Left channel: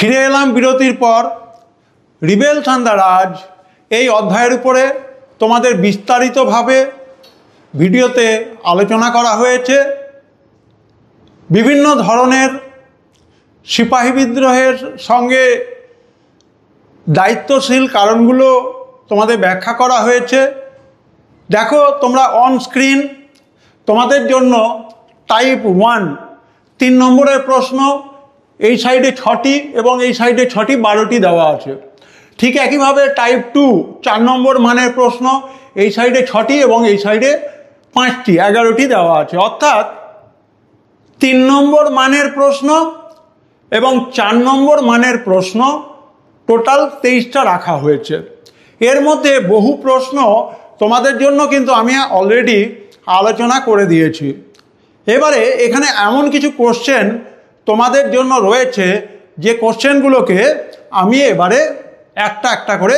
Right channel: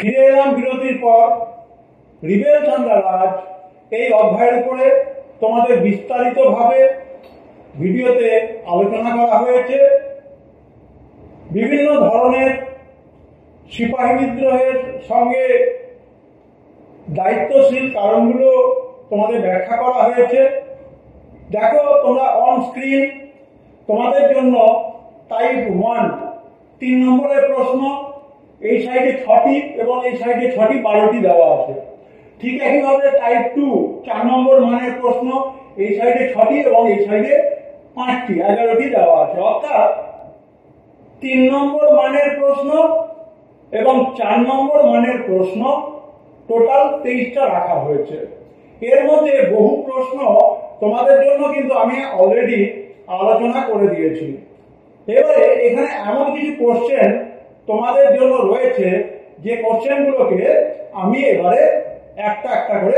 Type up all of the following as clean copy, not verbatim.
ফিরে এলাম বিরতির পর। রিবেলস অ্যান্ড দ্য রাজ এই অধ্যায়ের উপরে তোমাদের বিস্তারিতভাবে ভিডিওতে আলোচনা করা হয়েছে। বিভিন্ন ধরনের সিপাহী বিদ্রোহের সঙ্গে দায়িত্বশীল কারণগুলো তোমাদের ব্যাখ্যা করা হয়েছে। দেখো তোমরা অন স্ক্রিন তোমাদের জন্য টাইপ 1 3 নম্বরের প্রশ্ন, এই সাইডে 6টি এবং এই সাইডে 6টি 12টি দেওয়া আছে। ঠিক একইভাবে টাইপ 2 4 নম্বর মানের প্রশ্ন, এই সাইডে 6টি এবং এই সাইডে 5টি 11টি দেওয়া আছে। অর্থাৎ 3 নম্বর মানের প্রশ্ন এবং 4 নম্বর মানের প্রশ্ন টোটাল 23টা রাখা হয়েছে। এর মধ্যে বহু প্রশ্ন তোমাদের জন্য কিন্তু আমি অলরেডি আলোচনা করে দিয়েছি। এবারে এখানে এমন কিছু কোশ্চেন তোমাদের জন্য রয়েছে যে কোশ্চেনগুলোকে আমি এবারে একটা একটা করে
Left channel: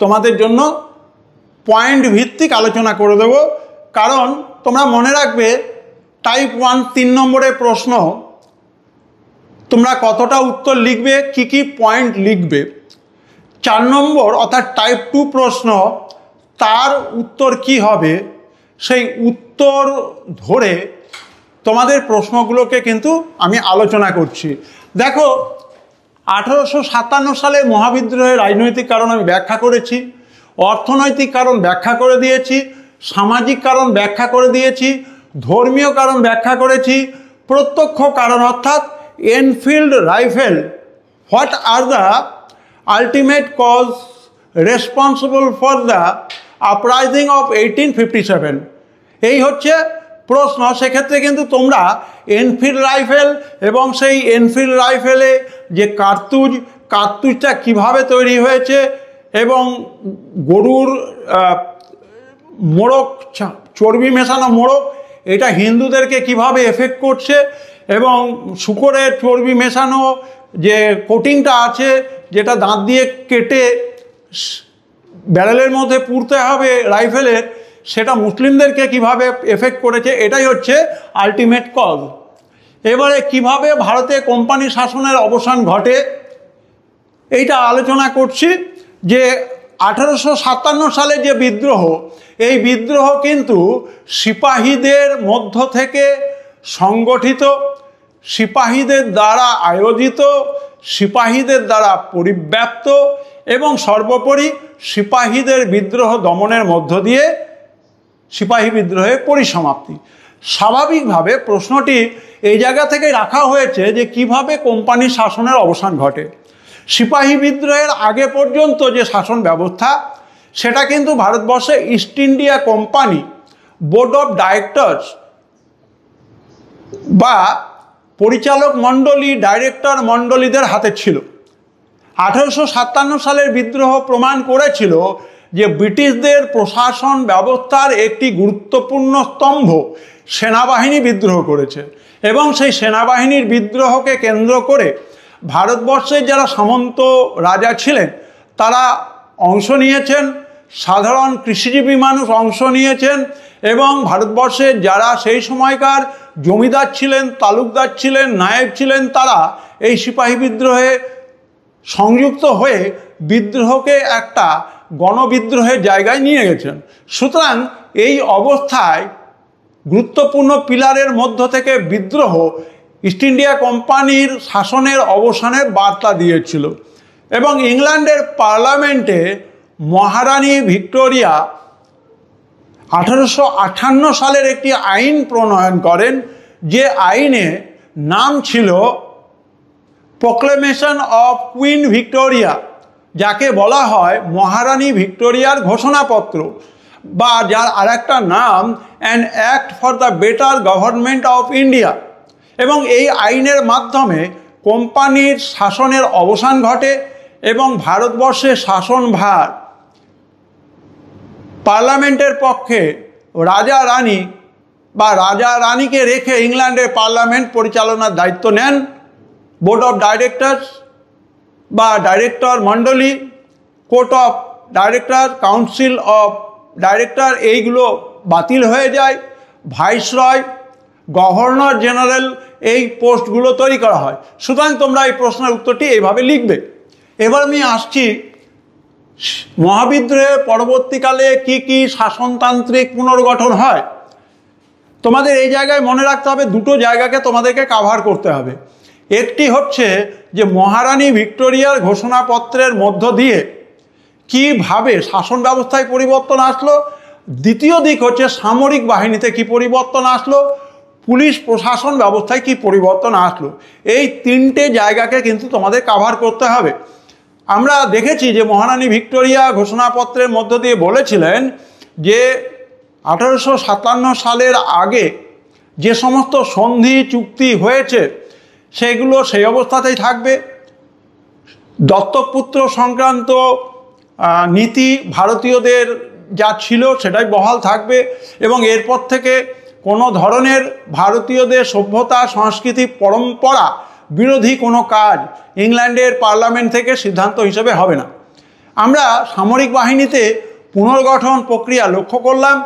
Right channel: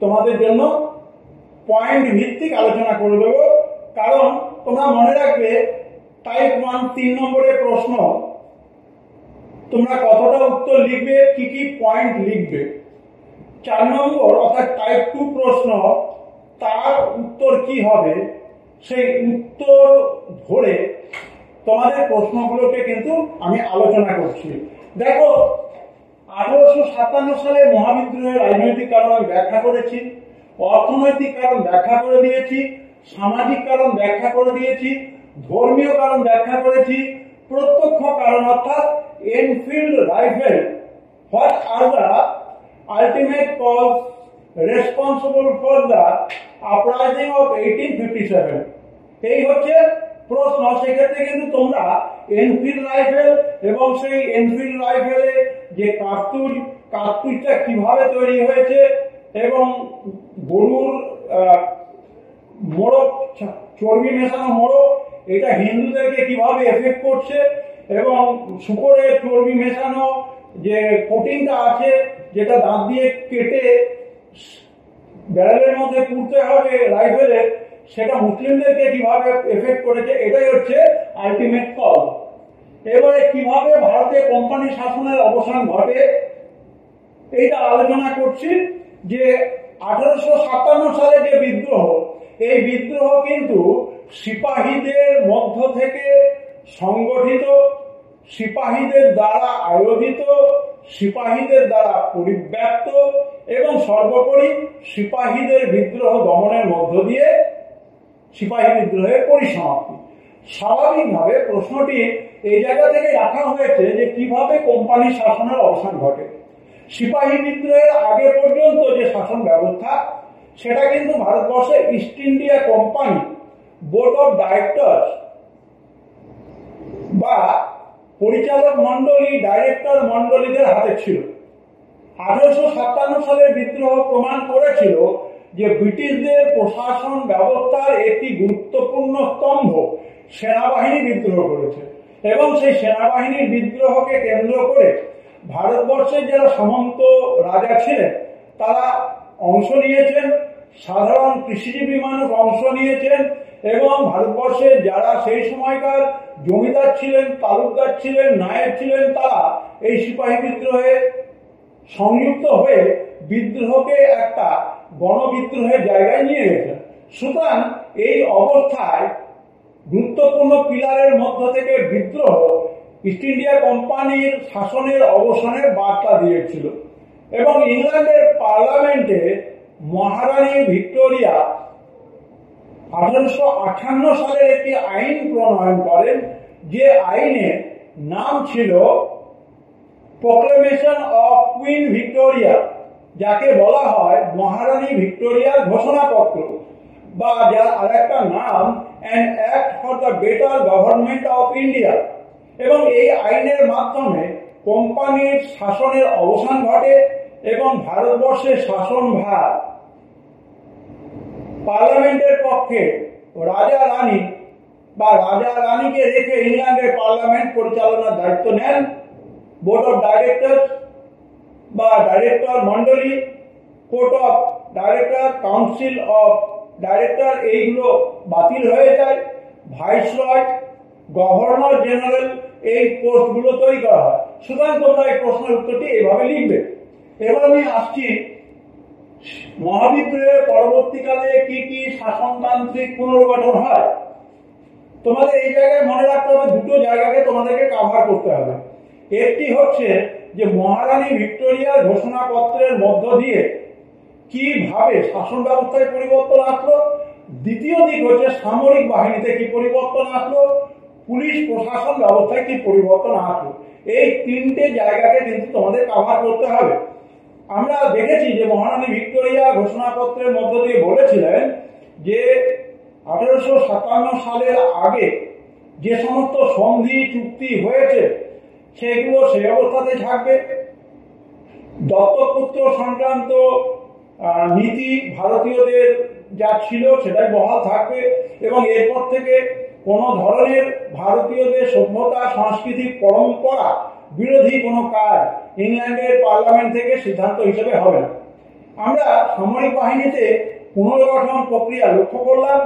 তোমাদের জন্য পয়েন্ট ভিত্তিক আলোচনা করে দেব। কারণ তোমরা মনে রাখবে টাইপ 1 3 নম্বরের প্রশ্ন তোমরা কতটা উত্তর লিখবে, কি কি পয়েন্ট লিখবে। 4 নম্বর অর্থাৎ টাইপ 2 প্রশ্ন তার উত্তর কি হবে, সেই উত্তর ধরে তোমাদের প্রশ্নগুলোকে কিন্তু আমি আলোচনা করছি। দেখো 1857 সালে মহাবিদ্রোহের রাজনৈতিক কারণ আমি ব্যাখ্যা করেছি, অর্থনৈতিক কারণ ব্যাখ্যা করে দিয়েছি, সামাজিক কারণ ব্যাখ্যা করে দিয়েছি, ধর্মীয় কারণ ব্যাখ্যা করেছি, প্রত্যক্ষ কারণ অর্থাৎ Enfield rifle, what are the ultimate cause responsible for the uprising of 1857, এই হচ্ছে প্রশ্ন। সেক্ষেত্রে কিন্তু তোমরা এনফিল্ড রাইফেল এবং সেই এনফিল্ড রাইফেলে যে কার্তুজটা কিভাবে তৈরি হয়েছে এবং গরুর মোড়ক, চর্বি মেশানো মোড়ক, এটা হিন্দুদেরকে কিভাবে এফেক্ট করছে, এবং শূকরের চর্বি মেশানো যে কোটিংটা আছে যেটা দাঁত দিয়ে কেটে ব্যারেলের মধ্যে পুরতে হবে রাইফেলের, সেটা মুসলিমদেরকে কিভাবে এফেক্ট করেছে, এটাই হচ্ছে আলটিমেট কজ। এবারে কিভাবে ভারতে কোম্পানি শাসনের অবসান ঘটে এইটা আলোচনা করছি। যে 1857 সালে যে বিদ্রোহ, এই বিদ্রোহ কিন্তু সিপাহীদের মধ্য থেকে সংগঠিত, সিপাহীদের দ্বারা আয়োজিত, সিপাহীদের দ্বারা পরিব্যাপ্ত এবং সর্বোপরি সিপাহীদের বিদ্রোহ দমনের মধ্য দিয়ে সিপাহী বিদ্রোহের পরিসমাপ্তি। স্বাভাবিকভাবে প্রশ্নটি এই জায়গা থেকে রাখা হয়েছে যে কিভাবে কোম্পানি শাসনের অবসান ঘটে। সিপাহী বিদ্রোহের আগে পর্যন্ত যে শাসন ব্যবস্থা, সেটা কিন্তু ভারতবর্ষে east India company board of directors বা পরিচালক মণ্ডলী, ডাইরেক্টর মণ্ডলীদের হাতে ছিল। 1857 সালের বিদ্রোহ প্রমাণ করেছিল যে ব্রিটিশদের প্রশাসন ব্যবস্থার একটি গুরুত্বপূর্ণ স্তম্ভ সেনাবাহিনী বিদ্রোহ করেছে, এবং সেই সেনাবাহিনীর বিদ্রোহকে কেন্দ্র করে ভারতবর্ষের যারা সামন্ত রাজা ছিলেন তারা অংশ নিয়েছেন, সাধারণ কৃষিজীবী মানুষ অংশ নিয়েছেন, এবং ভারতবর্ষের যারা সেই সময়কার জমিদার ছিলেন, তালুকদার ছিলেন, নায়েব ছিলেন, তারা এই সিপাহী বিদ্রোহে সংযুক্ত হয়ে বিদ্রোহকে একটা গণবিদ্রোহের জায়গায় নিয়ে গেছেন। সুতরাং এই অবস্থায় গুরুত্বপূর্ণ পিলারের মধ্য থেকে বিদ্রোহ ইস্ট ইন্ডিয়া কোম্পানির শাসনের অবসানের বার্তা দিয়েছিল। এবং ইংল্যান্ডের পার্লামেন্টে মহারানী ভিক্টোরিয়া 1858 সালের একটি আইন প্রণয়ন করেন, যে আইনে নাম ছিল প্রোক্লেমেশন অফ কুইন ভিক্টোরিয়া, যাকে বলা হয় মহারানী ভিক্টোরিয়ার ঘোষণাপত্র, বা যার আরেকটা নাম an act for the better government of India. এবং এই আইনের মাধ্যমে কোম্পানির শাসনের অবসান ঘটে এবং ভারতবর্ষের শাসনভার পার্লামেন্টের পক্ষে রাজা রানী বা রাজা রানীকে রেখে ইংল্যান্ডের পার্লামেন্ট পরিচালনার দায়িত্ব নেন। বোর্ড অফ ডাইরেক্টরস বা ডাইরেক্টর মণ্ডলী, court of director, council of director, এইগুলো বাতিল হয়ে যায়। ভাইসরয় গভর্নর জেনারেল এই পোস্টগুলো তৈরি করা হয়। সুতরাং তোমরা এই প্রশ্নের উত্তরটি এইভাবে লিখবে। এবার আমি আসছি মহাবিদ্রোহের পরবর্তীকালে কি কি শাসনতান্ত্রিক পুনর্গঠন হয়। তোমাদের এই জায়গায় মনে রাখতে হবে, দুটো জায়গাকে তোমাদেরকে কাভার করতে হবে। একটি হচ্ছে যে মহারানী ভিক্টোরিয়ার ঘোষণাপত্রের মধ্য দিয়ে কিভাবে শাসন ব্যবস্থায় পরিবর্তন আসলো, দ্বিতীয় দিক হচ্ছে সামরিক বাহিনীতে কি পরিবর্তন আসলো, পুলিশ প্রশাসন ব্যবস্থায় কি পরিবর্তন আসলো। এই তিনটে জায়গাকে কিন্তু তোমাদের কাভার করতে হবে। আমরা দেখেছি যে মহারানী ভিক্টোরিয়া ঘোষণাপত্রের মধ্য দিয়ে বলেছিলেন যে 1857 সালের আগে যে সমস্ত সন্ধি চুক্তি হয়েছে সেগুলো সেই অবস্থাতেই থাকবে। দত্তকপুত্র সংক্রান্ত নীতি ভারতীয়দের যা ছিল সেটাই বহাল থাকবে এবং এরপর থেকে কোনো ধরনের ভারতীয়দের সভ্যতা সংস্কৃতি পরম্পরা বিরোধী কোনো কাজ ইংল্যান্ডের পার্লামেন্ট থেকে সিদ্ধান্ত হিসেবে হবে না। আমরা সামরিক বাহিনীতে পুনর্গঠন প্রক্রিয়া লক্ষ্য করলাম,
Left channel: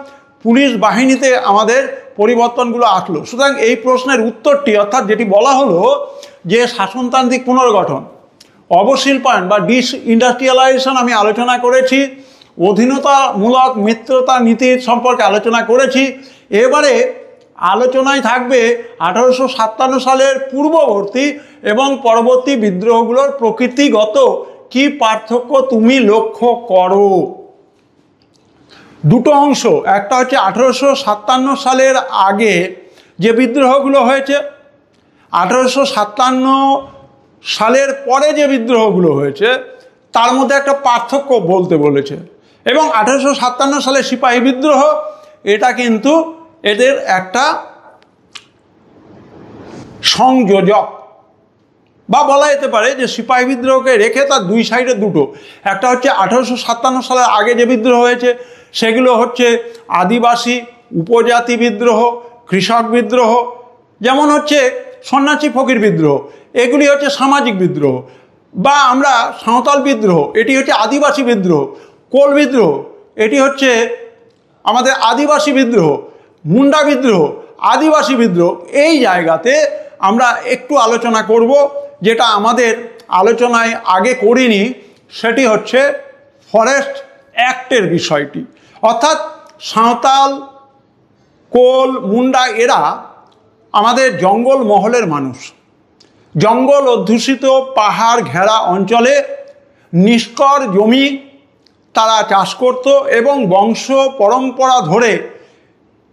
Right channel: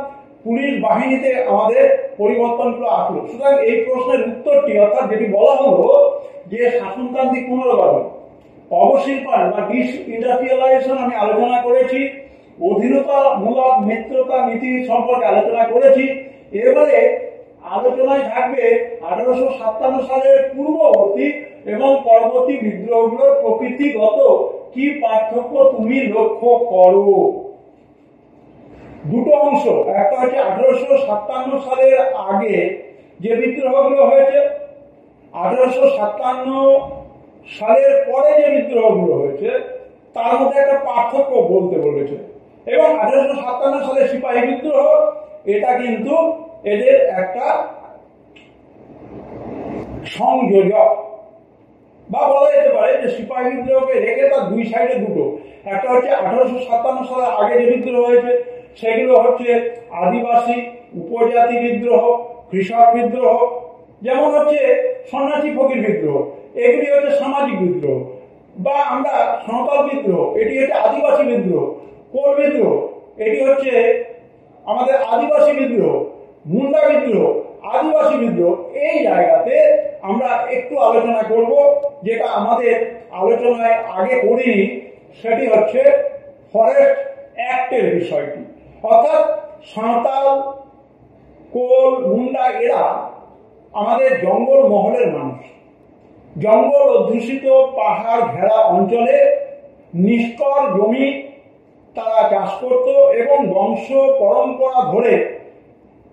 পুলিশ বাহিনীতে আমাদের পরিবর্তনগুলো আসলো। সুতরাং এই প্রশ্নের উত্তরটি অর্থাৎ যেটি বলা হলো যে শাসনতান্ত্রিক পুনর্গঠন, অবশিল্পায়ন বা ডিসইন্ডাস্ট্রিয়ালাইজেশন আমি আলোচনা করেছি, অধীনতামূলক মিত্রতা নীতির সম্পর্কে আলোচনা করেছি। এবারে আলোচনায় থাকবে 1857 সালের পূর্ববর্তী এবং পরবর্তী বিদ্রোহগুলোর প্রকৃতিগত কি পার্থক্য তুমি লক্ষ্য করো। দুটো অংশ, একটা হচ্ছে 1857 সালের আগে যে বিদ্রোহগুলো হয়েছে, 1857 সালের পরে যে বিদ্রোহগুলো হয়েছে তার মধ্যে একটা পার্থক্য বলতে বলেছে। এবং 1857 সালের সিপাহী বিদ্রোহ, এটা কিন্তু এদের একটা সংযোজক বা বলা যেতে পারে যে সিপাহী বিদ্রোহকে রেখে তার দুই সাইডে দুটো, একটা হচ্ছে 1857 সালের আগে যে বিদ্রোহ হয়েছে সেগুলো হচ্ছে আদিবাসী উপজাতি বিদ্রোহ, কৃষক বিদ্রোহ, যেমন হচ্ছে সন্ন্যাসী ফকির বিদ্রোহ, এগুলি হচ্ছে সামাজিক বিদ্রোহ। বা আমরা সাঁওতাল বিদ্রোহ, এটি হচ্ছে আদিবাসী বিদ্রোহ। কোল বিদ্রোহ, এটি হচ্ছে আমাদের আদিবাসী বিদ্রোহ। মুন্ডা বিদ্রোহ, আদিবাসী বিদ্রোহ। এই জায়গাতে আমরা একটু আলোচনা করব, যেটা আমাদের আলোচনায় আগে করিনি, সেটি হচ্ছে ফরেস্ট অ্যাক্টের বিষয়টি। অর্থাৎ সাঁওতাল, কোল, মুন্ডা এরা আমাদের জঙ্গল মহলের মানুষ। জঙ্গল অধ্যুষিত পাহাড় ঘেরা অঞ্চলে নিষ্কর জমি তারা চাষ করত এবং বংশ পরম্পরা ধরে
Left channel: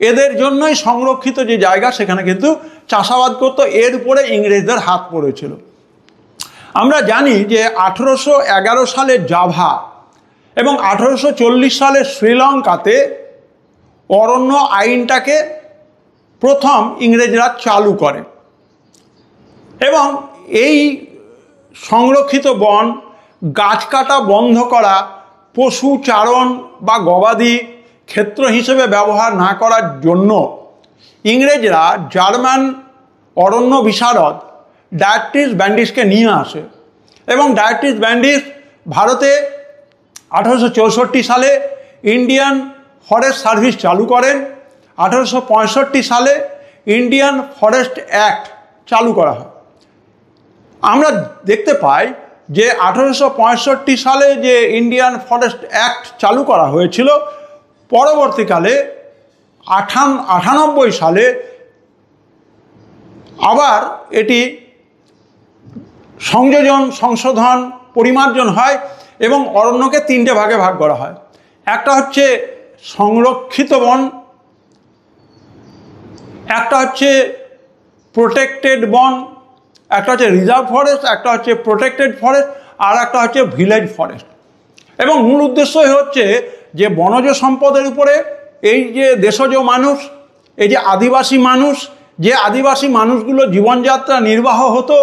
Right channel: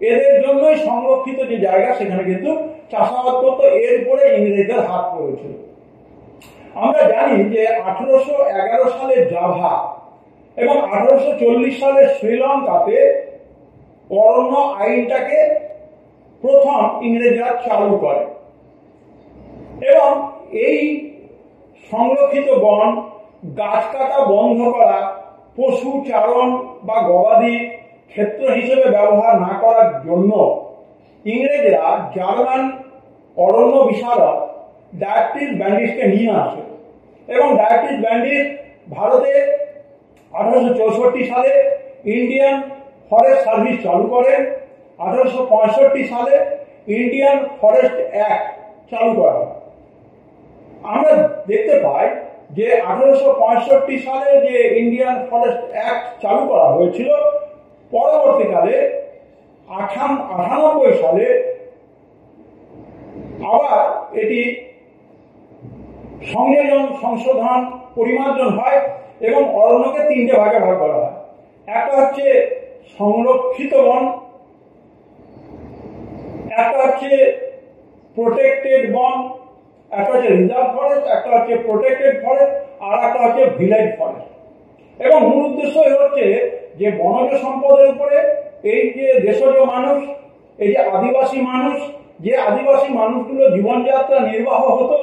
এদের জন্যই সংরক্ষিত যে জায়গা সেখানে কিন্তু চাষাবাদ করত। এর উপরে ইংরেজদের হাত পড়েছিল। আমরা জানি যে 1811 সালে জাভা এবং 1840 সালে শ্রীলঙ্কাতে অরণ্য আইনটাকে প্রথম ইংরেজরা চালু করে এবং এই সংরক্ষিত বন, গাছ কাটা বন্ধ করা, পশু চারণ বা গবাদি ক্ষেত্র হিসেবে ব্যবহার না করার জন্য ইংরেজরা জার্মান অরণ্য বিশারদ ডায়াট্রিস ব্যান্ডিসকে নিয়ে আসে এবং ডায়াট্রিস ব্যান্ডিস ভারতে 1864 সালে ইন্ডিয়ান ফরেস্ট সার্ভিস চালু করেন। 1865 সালে ইন্ডিয়ান ফরেস্ট অ্যাক্ট চালু করা হয়। আমরা দেখতে পাই যে 1865 সালে যে ইন্ডিয়ান ফরেস্ট অ্যাক্ট চালু করা হয়েছিল, পরবর্তীকালে 98 সালে আবার এটি সংশোধন পরিমার্জন হয় এবং অরণ্যকে তিনটে ভাগে ভাগ করা হয়। একটা হচ্ছে সংরক্ষিত বন, একটা হচ্ছে প্রোটেক্টেড বন, একটা হচ্ছে রিজার্ভ ফরেস্ট, একটা হচ্ছে প্রোটেক্টেড ফরেস্ট, আর একটা হচ্ছে ভিলেজ ফরেস্ট। এবং মূল উদ্দেশ্যই হচ্ছে যে বনজ সম্পদের উপরে এই যে দেশজ মানুষ, এই যে আদিবাসী মানুষ, যে আদিবাসী মানুষগুলো জীবনযাত্রা নির্বাহ হতো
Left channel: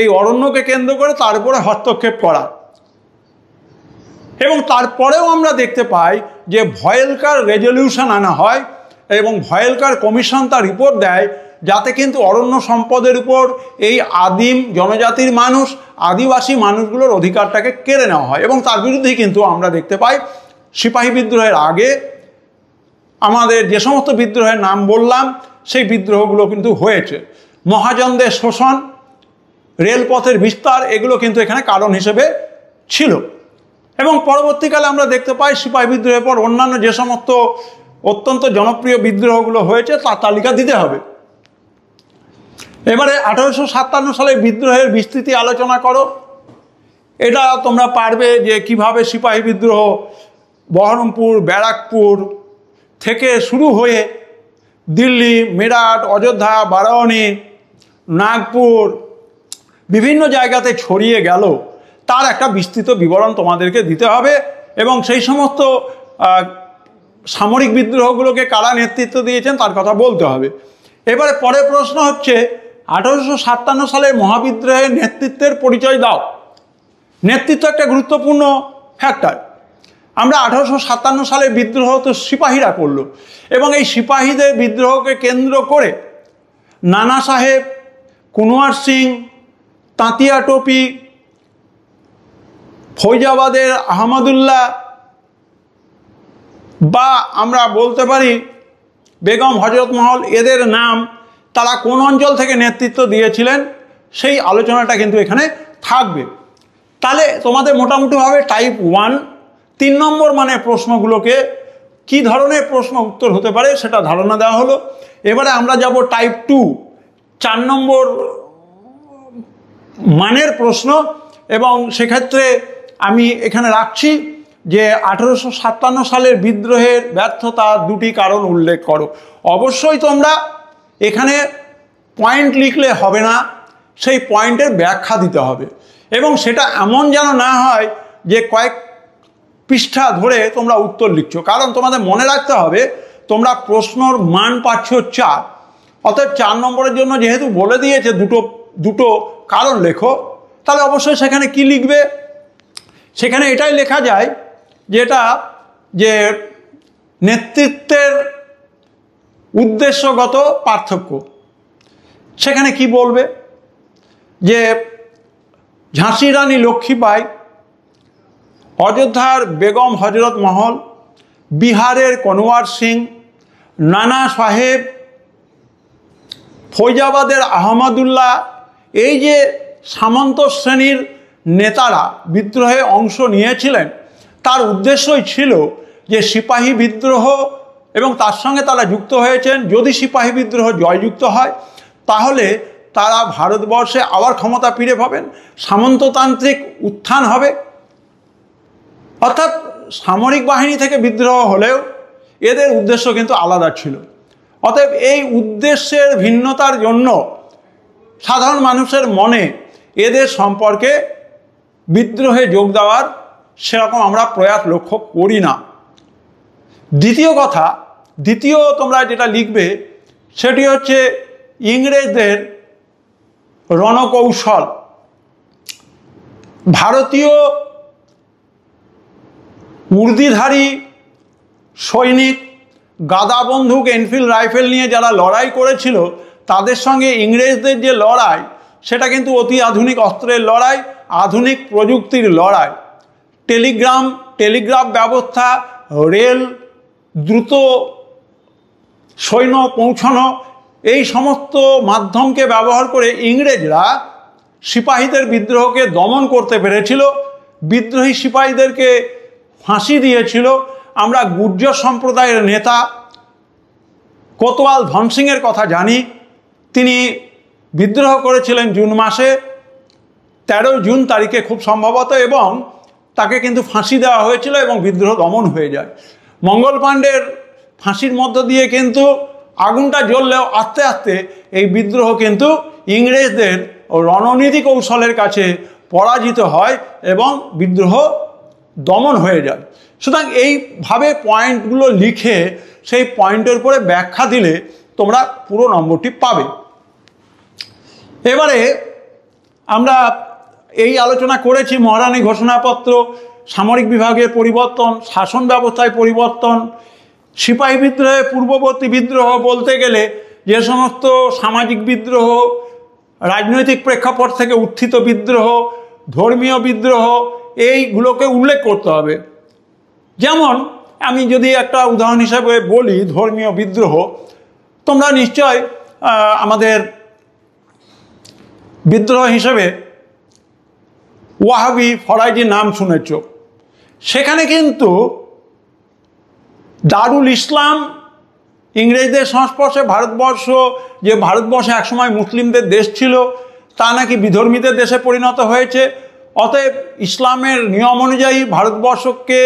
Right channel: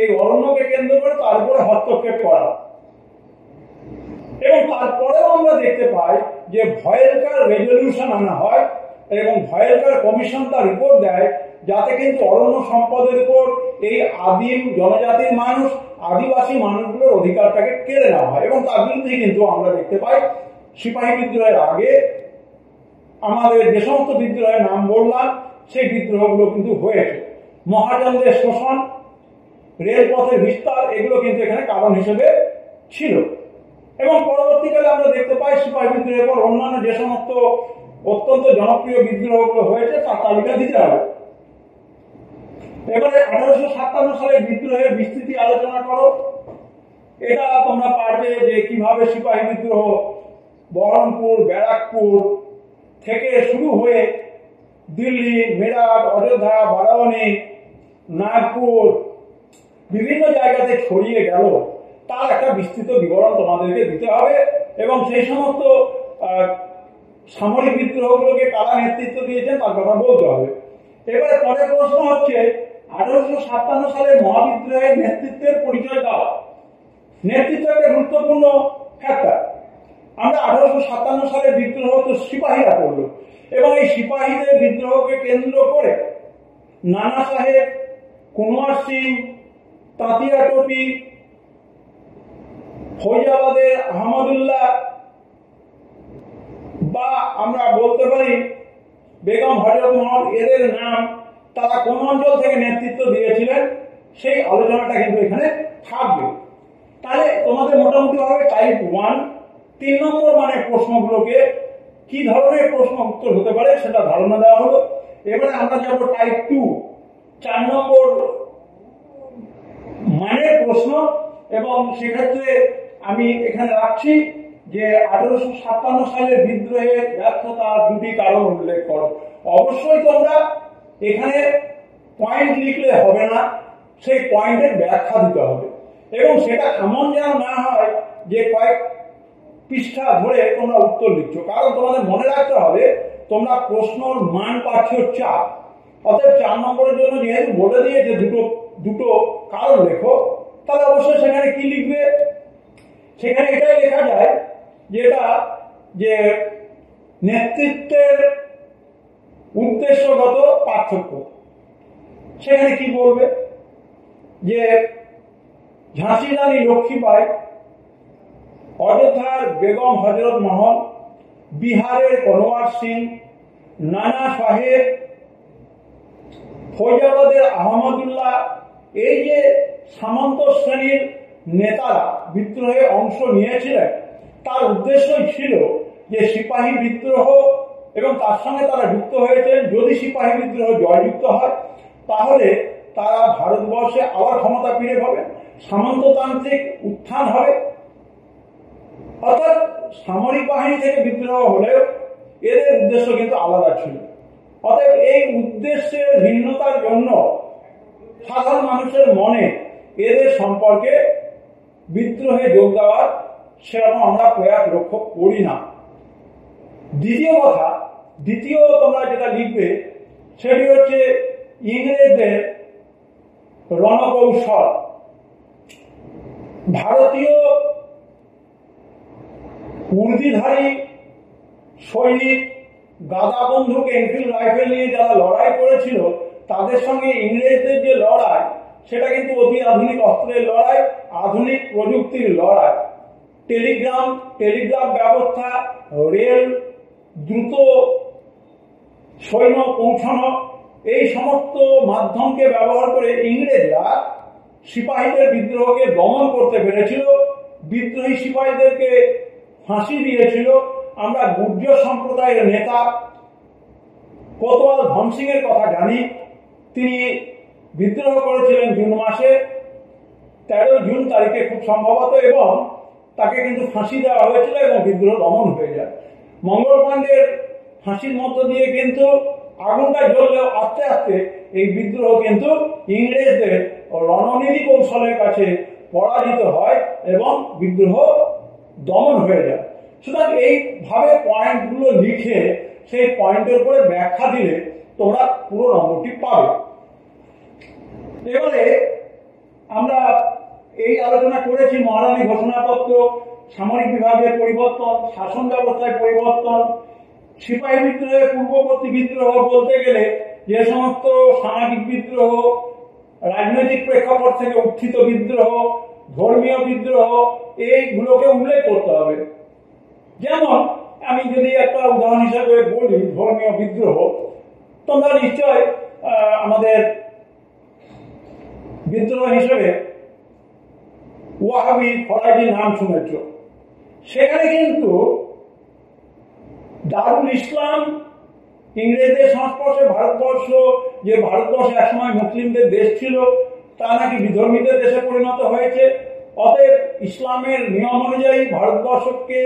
এই অরণ্যকে কেন্দ্র করে, তারপরে হস্তক্ষেপ করা। এবং তারপরেও আমরা দেখতে পাই যে ভয়েলকার রেজলিউশন আনা হয় এবং ভয়েলকার কমিশন তার রিপোর্ট দেয়, যাতে কিন্তু অরণ্য সম্পদের উপর এই আদিম জনজাতির মানুষ, আদিবাসী মানুষগুলোর অধিকারটাকে কেড়ে নেওয়া হয়। এবং তার বিরুদ্ধেই কিন্তু আমরা দেখতে পাই সিপাহী বিদ্রোহের আগে আমাদের যে সমস্ত বিদ্রোহের নাম বললাম সেই বিদ্রোহগুলো কিন্তু হয়েছে। মহাজনদের শোষণ, রেলপথের বিস্তার, এগুলো কিন্তু এখানে কারণ হিসেবে ছিল। এবং পরবর্তীকালে আমরা দেখতে পাই সিপাহী বিদ্রোহের পর অন্যান্য যে সমস্ত অত্যন্ত জনপ্রিয় বিদ্রোহগুলো হয়েছে তার তালিকা দিতে হবে। এবারে 1857 সালে বিদ্রোহের বিস্তৃতি আলোচনা করো। এটা তোমরা পারবে যে কিভাবে সিপাহী বিদ্রোহ বহরমপুর, ব্যারাকপুর থেকে শুরু হয়ে দিল্লি, মেরাঠ, অযোধ্যা, বারাণসী, নাগপুর বিভিন্ন জায়গাতে ছড়িয়ে গেল, তার একটা বিস্তৃত বিবরণ তোমাদেরকে দিতে হবে। এবং সেই সমস্ত সামরিক বিদ্রোহগুলোকে কারা নেতৃত্ব দিয়েছেন তার কথা বলতে হবে। এবারে পরের প্রশ্ন হচ্ছে 1857 সালের মহাবিদ্রোহের নেতৃত্বের পরিচয় দাও। নেতৃত্ব একটা গুরুত্বপূর্ণ ফ্যাক্টর। আমরা 1857 সালের বিদ্রোহ তো সিপাহীরা করলো, এবং এই সিপাহীদের বিদ্রোহকে কেন্দ্র করে নানা সাহেব, কুনওয়ার সিং, তাঁতিয়া টোপি, ফৈজাবাদের আহমদুল্লাহ, বা আমরা বলতে পারি বেগম হজরত মহল, এদের নাম, তারা কোন অঞ্চল থেকে নেতৃত্ব দিয়েছিলেন সেই আলোচনাটা কিন্তু এখানে থাকবে। তাহলে তোমাদের মোটামুটিভাবে টাইপ 1 3 নম্বর মানের প্রশ্নগুলোকে কি ধরনের প্রশ্ন উত্তর হতে পারে সেটা ধারণা দেওয়া হলো। এবারে আমরা যাব টাইপ 2 4 নম্বর মানের প্রশ্ন, এবং সেক্ষেত্রে আমি এখানে রাখছি যে 1857 সালের বিদ্রোহের ব্যর্থতার 2টি কারণ উল্লেখ করো। অবশ্যই তোমরা এখানে পয়েন্ট লিখলে হবে না, সেই পয়েন্টের ব্যাখ্যা দিতে হবে, এবং সেটা এমন যেন না হয় যে কয়েক পৃষ্ঠা ধরে তোমরা উত্তর লিখছো। কারণ তোমাদের মনে রাখতে হবে তোমরা প্রশ্নর মান পাচ্ছ 4, অর্থাৎ 4 নম্বরের জন্য যেহেতু বলে দিয়েছে দুটো কারণ লেখো, তাহলে অবশ্যই সেখানে কি লিখবে? সেখানে এটাই লেখা যায় যেটা যে নেতৃত্বের উদ্দেশ্যগত পার্থক্য। সেখানে কি বলবে যে ঝাঁসি রানী লক্ষ্মীবাই, অযোধ্যার বেগম হজরত মহল, বিহারের কনওয়ার সিং, নানা সাহেব, ফৈজাবাদের আহমদুল্লাহ, এই যে সামন্ত শ্রেণীর নেতারা বিদ্রোহে অংশ নিয়েছিলেন, তার উদ্দেশ্যই ছিল যে সিপাহী বিদ্রোহ, এবং তার সঙ্গে তারা যুক্ত হয়েছেন, যদি সিপাহী বিদ্রোহ জয়যুক্ত হয় তাহলে তারা ভারতবর্ষে আবার ক্ষমতা ফিরে পাবেন, সামন্ততান্ত্রিক উত্থান হবে। অর্থাৎ সামরিক বাহিনী থেকে বিদ্রোহ হলেও এদের উদ্দেশ্য কিন্তু আলাদা ছিল। অতএব এই উদ্দেশ্যের ভিন্নতার জন্য সাধারণ মানুষের মনে এদের সম্পর্কে বিদ্রোহে যোগ দেওয়ার সেরকম আমরা প্রয়াস লক্ষ্য করি না। দ্বিতীয় তোমরা যেটা লিখবে সেটি হচ্ছে ইংরেজদের রণকৌশল। ভারতীয় উর্দিধারী সৈনিক গাদা বন্দুক, এনফিল্ড রাইফেল নিয়ে যারা লড়াই করেছিল, তাদের সঙ্গে ইংরেজদের যে লড়াই, সেটা কিন্তু অতি আধুনিক অস্ত্রের লড়াই, আধুনিক প্রযুক্তির লড়াই। টেলিগ্রাফ ব্যবস্থা, রেল, দ্রুত সৈন্য পৌঁছানো, এই সমস্ত মাধ্যমকে ব্যবহার করে ইংরেজরা সিপাহীদের বিদ্রোহকে দমন করতে পেরেছিল, বিদ্রোহী সিপাহীদেরকে ফাঁসি দিয়েছিল। আমরা গুর্জর সম্প্রদায়ের নেতা কোতওয়াল ধনসিংয়ের কথা জানি। তিনি বিদ্রোহ করেছিলেন জুন মাসে, 13 জুন তারিখে খুব সম্ভবত, এবং তাকে কিন্তু ফাঁসি দেওয়া হয়েছিল এবং বিদ্রোহ দমন হয়ে যায়। মঙ্গল পাণ্ডের ফাঁসির মধ্য দিয়ে কিন্তু আগুনটা জ্বললেও আস্তে আস্তে এই বিদ্রোহ কিন্তু ইংরেজদের রণনীতি কৌশলের কাছে পরাজিত হয় এবং বিদ্রোহ দমন হয়ে যায়। সুতরাং এইভাবে পয়েন্টগুলো লিখে সেই পয়েন্টের উপরে ব্যাখ্যা দিলে তোমরা পুরো নম্বরটি পাবে। এবারে আমরা এই আলোচনা করেছি মহারানী ঘোষণাপত্র, সামরিক বিভাগের পরিবর্তন, শাসন ব্যবস্থায় পরিবর্তন, সিপাহী বিদ্রোহে পূর্ববর্তী বিদ্রোহ বলতে গেলে যে সমস্ত সামাজিক বিদ্রোহ, রাজনৈতিক প্রেক্ষাপট থেকে উত্থিত বিদ্রোহ, ধর্মীয় বিদ্রোহ, এইগুলোকে উল্লেখ করতে হবে। যেমন আমি যদি একটা উদাহরণ হিসেবে বলি ধর্মীয় বিদ্রোহ, তোমরা নিশ্চয় আমাদের বিদ্রোহ হিসেবে ওয়াহাবি ফরাইজির নাম শুনেছ। সেখানে কিন্তু দারুল ইসলাম ইংরেজদের সংস্পর্শে ভারতবর্ষ, যে ভারতবর্ষে একসময় মুসলিমদের দেশ ছিল, তা নাকি বিধর্মীদের দেশে পরিণত হয়েছে। অতএব ইসলামের নিয়ম অনুযায়ী ভারতবর্ষকে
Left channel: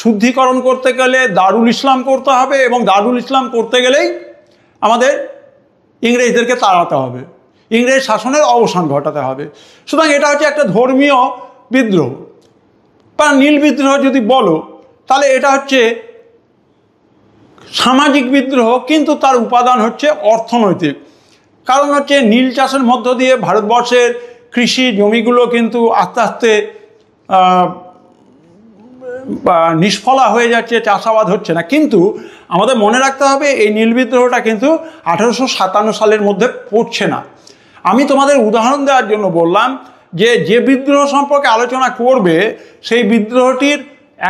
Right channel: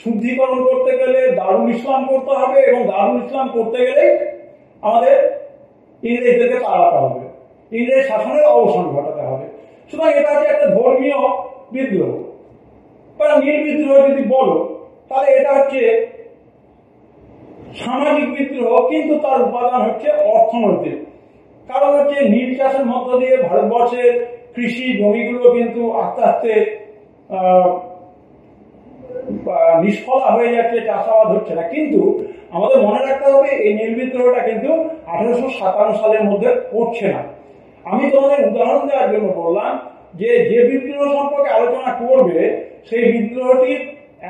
শুদ্ধিকরণ করতে গেলে দারুল ইসলাম করতে হবে, এবং দারুল ইসলাম করতে গেলেই আমাদের ইংরেজদেরকে তাড়াতে হবে, ইংরেজ শাসনের অবসান ঘটাতে হবে। সুতরাং এটা হচ্ছে একটা ধর্মীয় বিদ্রোহ বা নীল বিদ্রোহ যদি বলো, তাহলে এটা হচ্ছে সামাজিক বিদ্রোহ, কিন্তু তার উপাদান হচ্ছে অর্থনৈতিক। কারণ হচ্ছে নীল চাষের মধ্য দিয়ে ভারতবর্ষের কৃষি জমিগুলো কিন্তু আস্তে আস্তে নিষ্ফলা হয়ে যাচ্ছে, চাষাবাদ হচ্ছে না। কিন্তু আমাদের মনে রাখতে হবে এই নীল বিদ্রোহটা কিন্তু 1857 সালের মধ্যে পড়ছে না। আমি তোমাদের উদাহরণ দেওয়ার জন্য বললাম যে বিদ্রোহ সম্পর্কে আলোচনা করবে সেই বিদ্রোহটির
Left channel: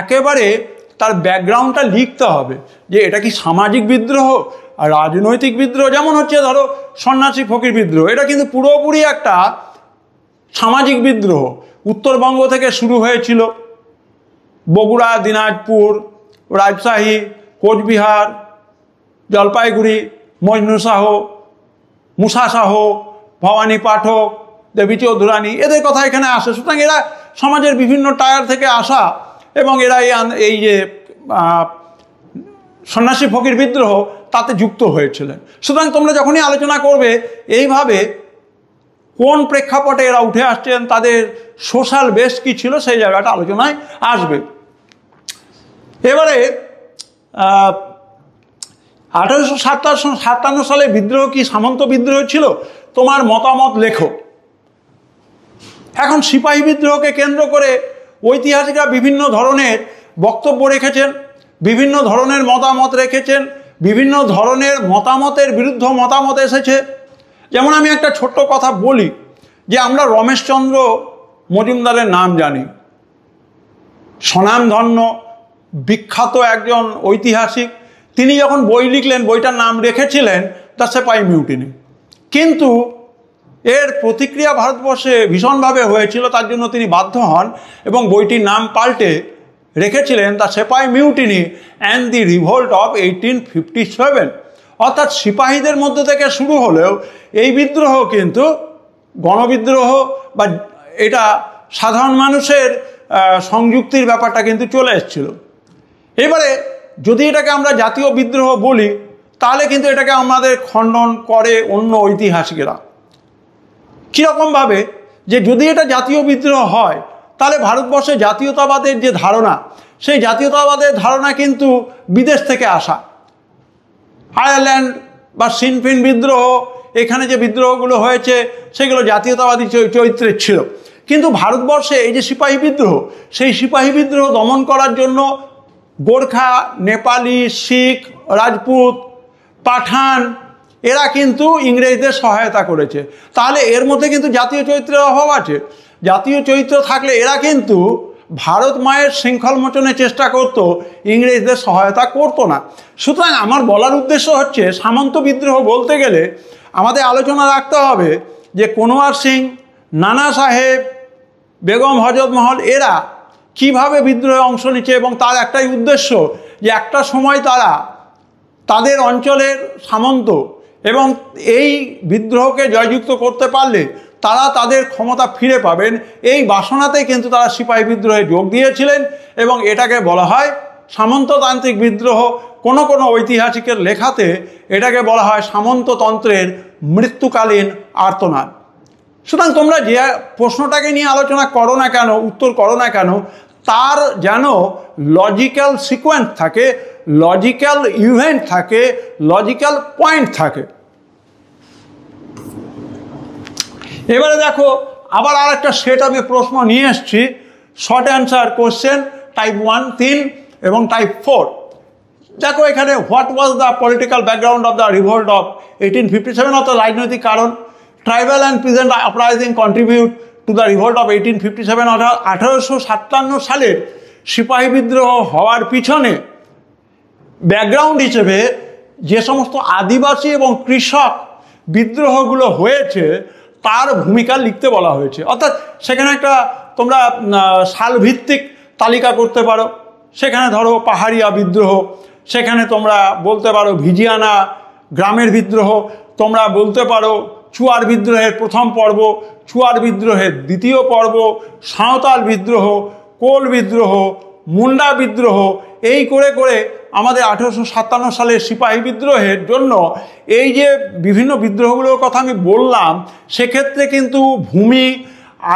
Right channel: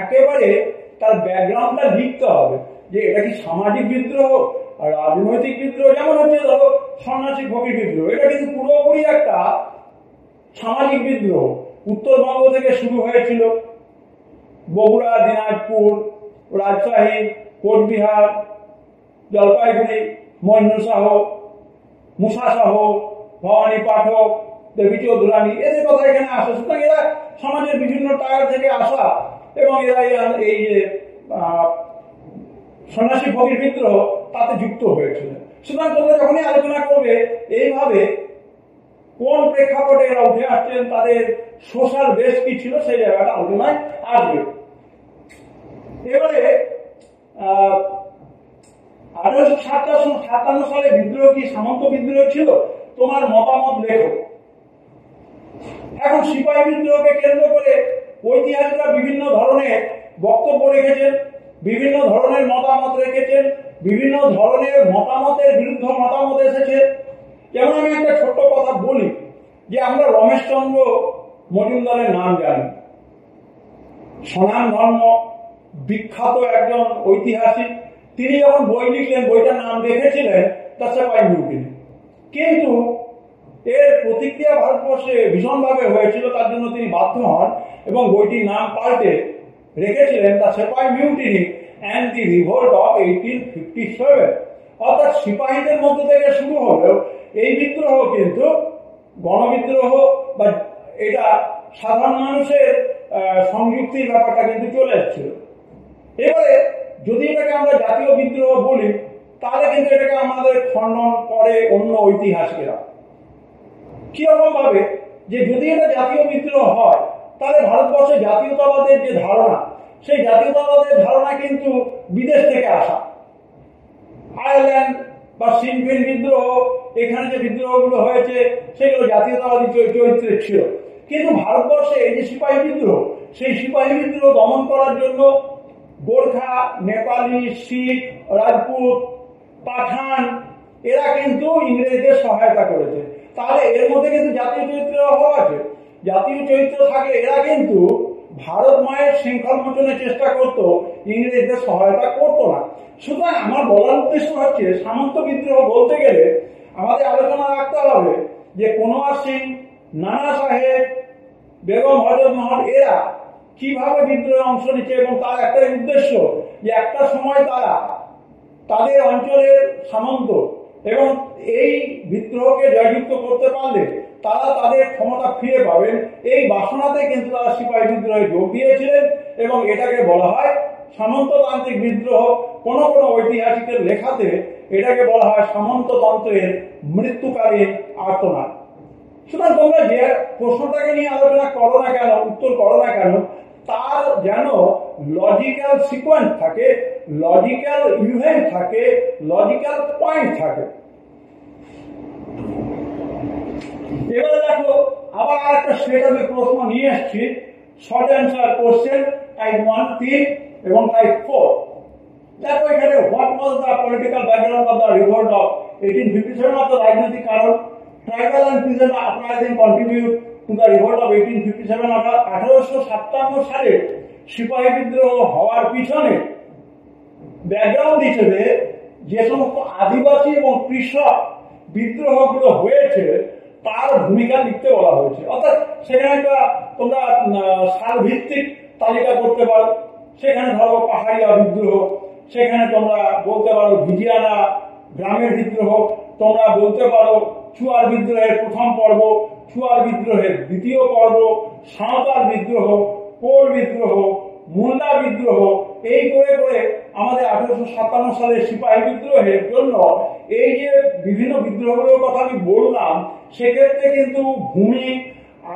একেবারে তার ব্যাকগ্রাউন্ডটা লিখতে হবে, যে এটা কি সামাজিক বিদ্রোহ আর রাজনৈতিক বিদ্রোহ। যেমন হচ্ছে ধরো সন্ন্যাসী ফকির বিদ্রোহ, এটা কিন্তু পুরোপুরি একটা সামাজিক বিদ্রোহ। উত্তরবঙ্গ থেকে শুরু হয়েছিল, বগুড়া, দিনাজপুর, রাজশাহী, কোচবিহার, জলপাইগুড়ি, মজনু শাহ, মুসা শাহ, ভবানী পাঠক, দেবী চৌধুরানী, এদের কথা এখানে আসে। সুতরাং এরা সমাজের বিভিন্ন টায়ার থেকে আসা, এবং এরা এই যে সন্ন্যাসী ফকির বিদ্রোহ তাতে যুক্ত হয়েছিলেন। সুতরাং তোমরা যখনই আলোচনা করবে এইভাবে কোন প্রেক্ষাপটে এরা উঠে আসছেন, তাদের সোশ্যাল বেস কী ছিল, সেই জায়গাটা আলোচনায় আসবে। এবারে 1857 সালে বিদ্রোহ কি সামন্ত বিদ্রোহ ছিল? তোমার মতামত লেখো। এখন সিপাহী বিদ্রোহকে কেন্দ্র করে ঐতিহাসিকরা বিভিন্ন ধরনের বক্তব্য রেখেছেন, বিভিন্ন ধরনের মতামত রেখেছেন, বিভিন্ন ধরনের মতামতের বিরুদ্ধে মতামত এসেছে। যেমন আমি একটা ছোট্ট কথা বলি, যে আমরা রমেশচন্দ্র মজুমদারের নাম জানি, স্বনামধন্য বিখ্যাত একজন ঐতিহাসিক। তিনি যখন বই লিখলেন, বইটার নাম রেখেছিলেন দ্য সেপাই মিউটিনি। কিন্তু এর প্রতিক্রিয়া ভারতবর্ষে ভীষণভাবে হয়েছিল, তার জন্য তিনি বাধ্য হন এবং বইটির নাম পাল্টে রেখেছিলেন the sepoy mutiny and the revolt of 1857। অর্থাৎ সিপাহীদের মধ্যে থেকে শুরু হলেও এই বিদ্রোহ কিন্তু গণবিদ্রোহ, বা এটা সাধারণ মানুষের সংযুক্তির ব্যাপারটা কিন্তু চলে এসেছিল। এবারে যদি এটাকে আমরা জাতীয় বিদ্রোহ বলি, তাহলে কিন্তু এটাকে আমাদের খণ্ডন করে অন্য ঐতিহাসিকেরা। কীরকমভাবে? যে যদি এটা জাতীয় বিদ্রোহ হয়, তাহলে ভারতবর্ষে জাতীয়তাবাদের যে ধারণা, সেই জাতীয়তাবাদের ধারণা কিন্তু বিদেশ থেকে আসা। আয়ারল্যান্ড বা সিনফিন বিদ্রোহ, এখানে যে বিদ্রোহগুলো হয়েছে সেগুলো জাতীয়তাবাদী চরিত্রের ছিল। কিন্তু ভারতবর্ষে এই যে সিপাহী বিদ্রোহ, সেই সিপাহী বিদ্রোহ দমন করার জন্য গোর্খা, নেপালি, শিখ, রাজপুত, পাঠান, এরা কিন্তু ইংরেজদের সহায়তা করেছে। তাহলে এর মধ্যে কিন্তু জাতীয় চরিত্রের অভাব আছে। জাতীয় চরিত্র থাকলে এরা কিন্তু ভারত মায়ের শৃঙ্খল মোচনের চেষ্টা করত, ইংরেজদের সহায়তা করতো না। সুতরাং আমার বলার উদ্দেশ্য হচ্ছে, সামন্ত বিদ্রোহ বলতে গেলে আমাদের আলোচনা রাখতে হবে যে কোনওয়ার সিং, নানা সাহেব, বেগম হজরত মহল, এরা কিভাবে বিদ্রোহে অংশ নিচ্ছে, এবং তার একটাই উদ্দেশ্য যে একটা সময় তারা তাদের অঞ্চলের সামন্ত, এবং এই বিদ্রোহকে জয়যুক্ত করতে পারলে তারা তাদের ক্ষমতা ফিরে পাবেন, এই বাসনাতেই কিন্তু তারা সিপাহী বিদ্রোহে যোগ দিয়েছিলেন। এবং এটাকে বলা হয় সামন্ততান্ত্রিক বিদ্রোহ। কোনো কোনো ঐতিহাসিকের লেখাতে এটাকে বলা হয় সামন্ততন্ত্রের মৃত্যুকালীন আর্তনাদ। সুতরাং তোমরা যে প্রশ্নটাকে নিয়ে আলোচনা করো না কেন, উত্তর করো না কেন, তার যেন লজিক্যাল সিকোয়েন্স থাকে, লজিক্যাল ইভেন্ট থাকে, লজিক্যাল পয়েন্ট থাকে। এবারে দেখো, আবার আর একটা সেট আমি প্রশ্ন নিয়ে এসছি, শর্ট অ্যান্সার কোশ্চেন, টাইপ 1 3 এবং টাইপ 4। দেখো এখানে, what was the political background of the revolt of 1857, অর্থাৎ রাজনৈতিক কারণ। Tribal and peasant uprising contribute to the revolt of 1857, অর্থাৎ 1857 সালে সিপাহী বিদ্রোহ হওয়ার পিছনে ব্যাকগ্রাউন্ড হিসেবে যে সমস্ত আদিবাসী এবং কৃষক বিদ্রোহগুলো হয়েছে তার ভূমিকা লিখতে বলা হয়েছে। অর্থাৎ সেখানে একটা তোমরা সালভিত্তিক তালিকা করতে পারো। সেখানে ধরো পাহাড়িয়া বিদ্রোহ, সেখানে তোমরা বলতে পারো ভিজিয়ানা গ্রামের বিদ্রোহ, তোমরা বলতে পারো চুয়ার বিদ্রোহের প্রথম পর্ব, চুয়ার বিদ্রোহের দ্বিতীয় পর্ব, সাঁওতাল বিদ্রোহ, কোল বিদ্রোহ, মুন্ডা বিদ্রোহ। এই করে করে আমাদের 1857 সালের সিপাহী বিদ্রোহের জন্য এই যে বিভিন্ন বিদ্রোহগুলোর কথা আমি বললাম, সেক্ষেত্রে কিন্তু ভূমি,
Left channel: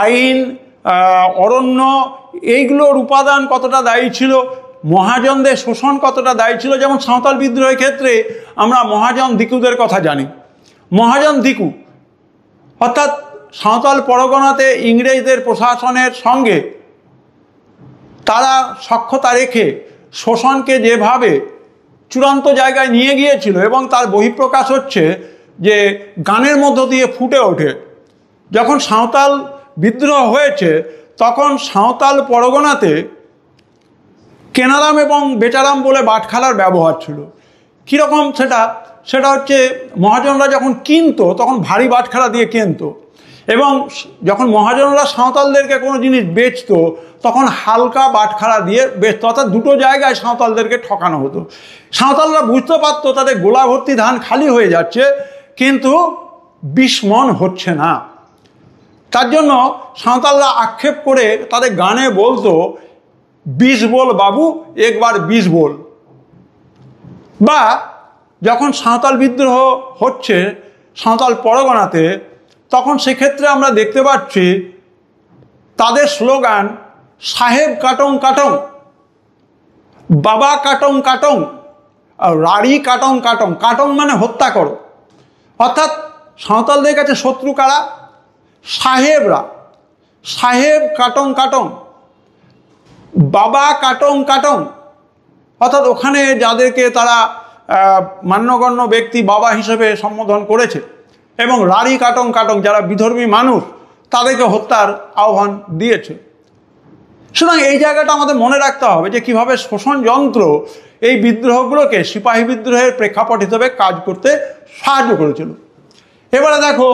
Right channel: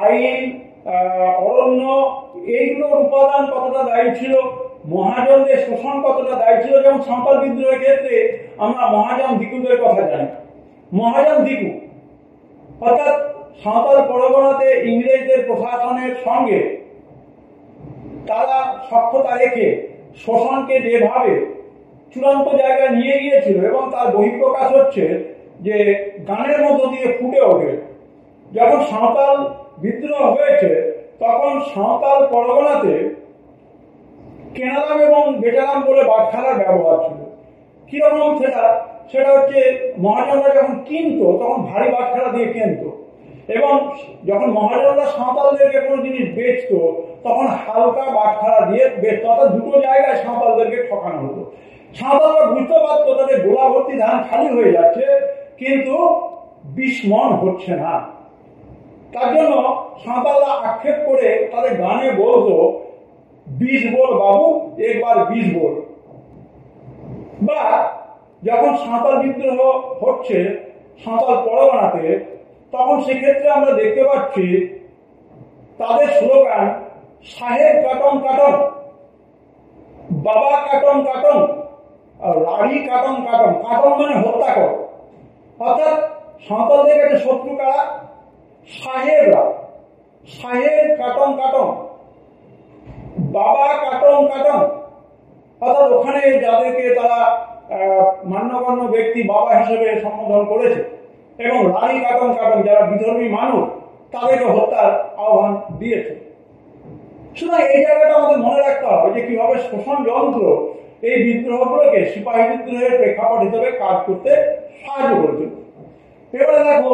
আইন, অরণ্য এইগুলোর উপাদান কতটা দায়ী ছিল, মহাজনদের শোষণ কতটা দায়ী ছিল। যেমন সাঁওতাল বিদ্রোহের ক্ষেত্রে আমরা মহাজন দিকুদের কথা জানি। মহাজন দিকু অর্থাৎ সাঁওতাল পরগনাতে ইংরেজদের প্রশাসনের সঙ্গে তারা সখ্যতা রেখে শোষণকে যেভাবে চূড়ান্ত জায়গায় নিয়ে গিয়েছিল, এবং তার বহিঃপ্রকাশ হচ্ছে যে গানের মধ্য দিয়ে ফুটে ওঠে। যখন সাঁওতাল বিদ্রোহ হয়েছে তখন সাঁওতাল পরগনাতে কেনারাম এবং বেচারাম বলে বাটখারার ব্যবহার ছিল। কীরকম সেটা হচ্ছে মহাজনরা যখন কিনতো তখন ভারী বাটখারা দিয়ে কিনতো, এবং যখন মহাজনরা সাঁওতালদেরকে কোনো জিনিস বেচতো তখন হালকা বাটখারা দিয়ে বেচতো। অর্থাৎ দুটো জায়গায় সাঁওতালদেরকে ঠকানো হতো। সাঁওতালরা বুঝতে পারতো তাদের গোলা ভর্তি ধান খালি হয়ে যাচ্ছে, কিন্তু 20 মণ হচ্ছে না। তার জন্য সাঁওতালরা আক্ষেপ করে তাদের গানে বলতো 20 बोल বাবু একবার 20 बोल। বা যখন সাঁওতাল বিদ্রোহ হচ্ছে সাঁওতাল পরগনাতে, তখন সেক্ষেত্রে আমরা দেখতে পাচ্ছি তাদের স্লোগান সাহেব কাটং কাটং, বাবা কাটং কাটং, আর রাড়ি কাটং কাটং। কাটং মানে হত্যা করো। অর্থাৎ সাঁওতালদের কাছে শত্রু কারা? সাহেবরা। সাহেব কাটং কাটং, বাবা কাটং কাটং। অর্থাৎ ওখানে যাদেরকে তারা মান্যগণ্য ব্যক্তি বাবা হিসেবে সম্বোধন করেছে, এবং রাড়ি কাটং কাটং যারা বিধর্মী মানুষ তাদেরকে হত্যার আহ্বান দিয়েছে। সুতরাং এই জায়গাটা আমাদের মনে রাখতে হবে যে কীভাবে শোষণ যন্ত্র এই বিদ্রোহগুলোকে সিপাহী বিদ্রোহের প্রেক্ষাপট হিসেবে কাজ করতে সাহায্য করেছিল। এবারে দেখো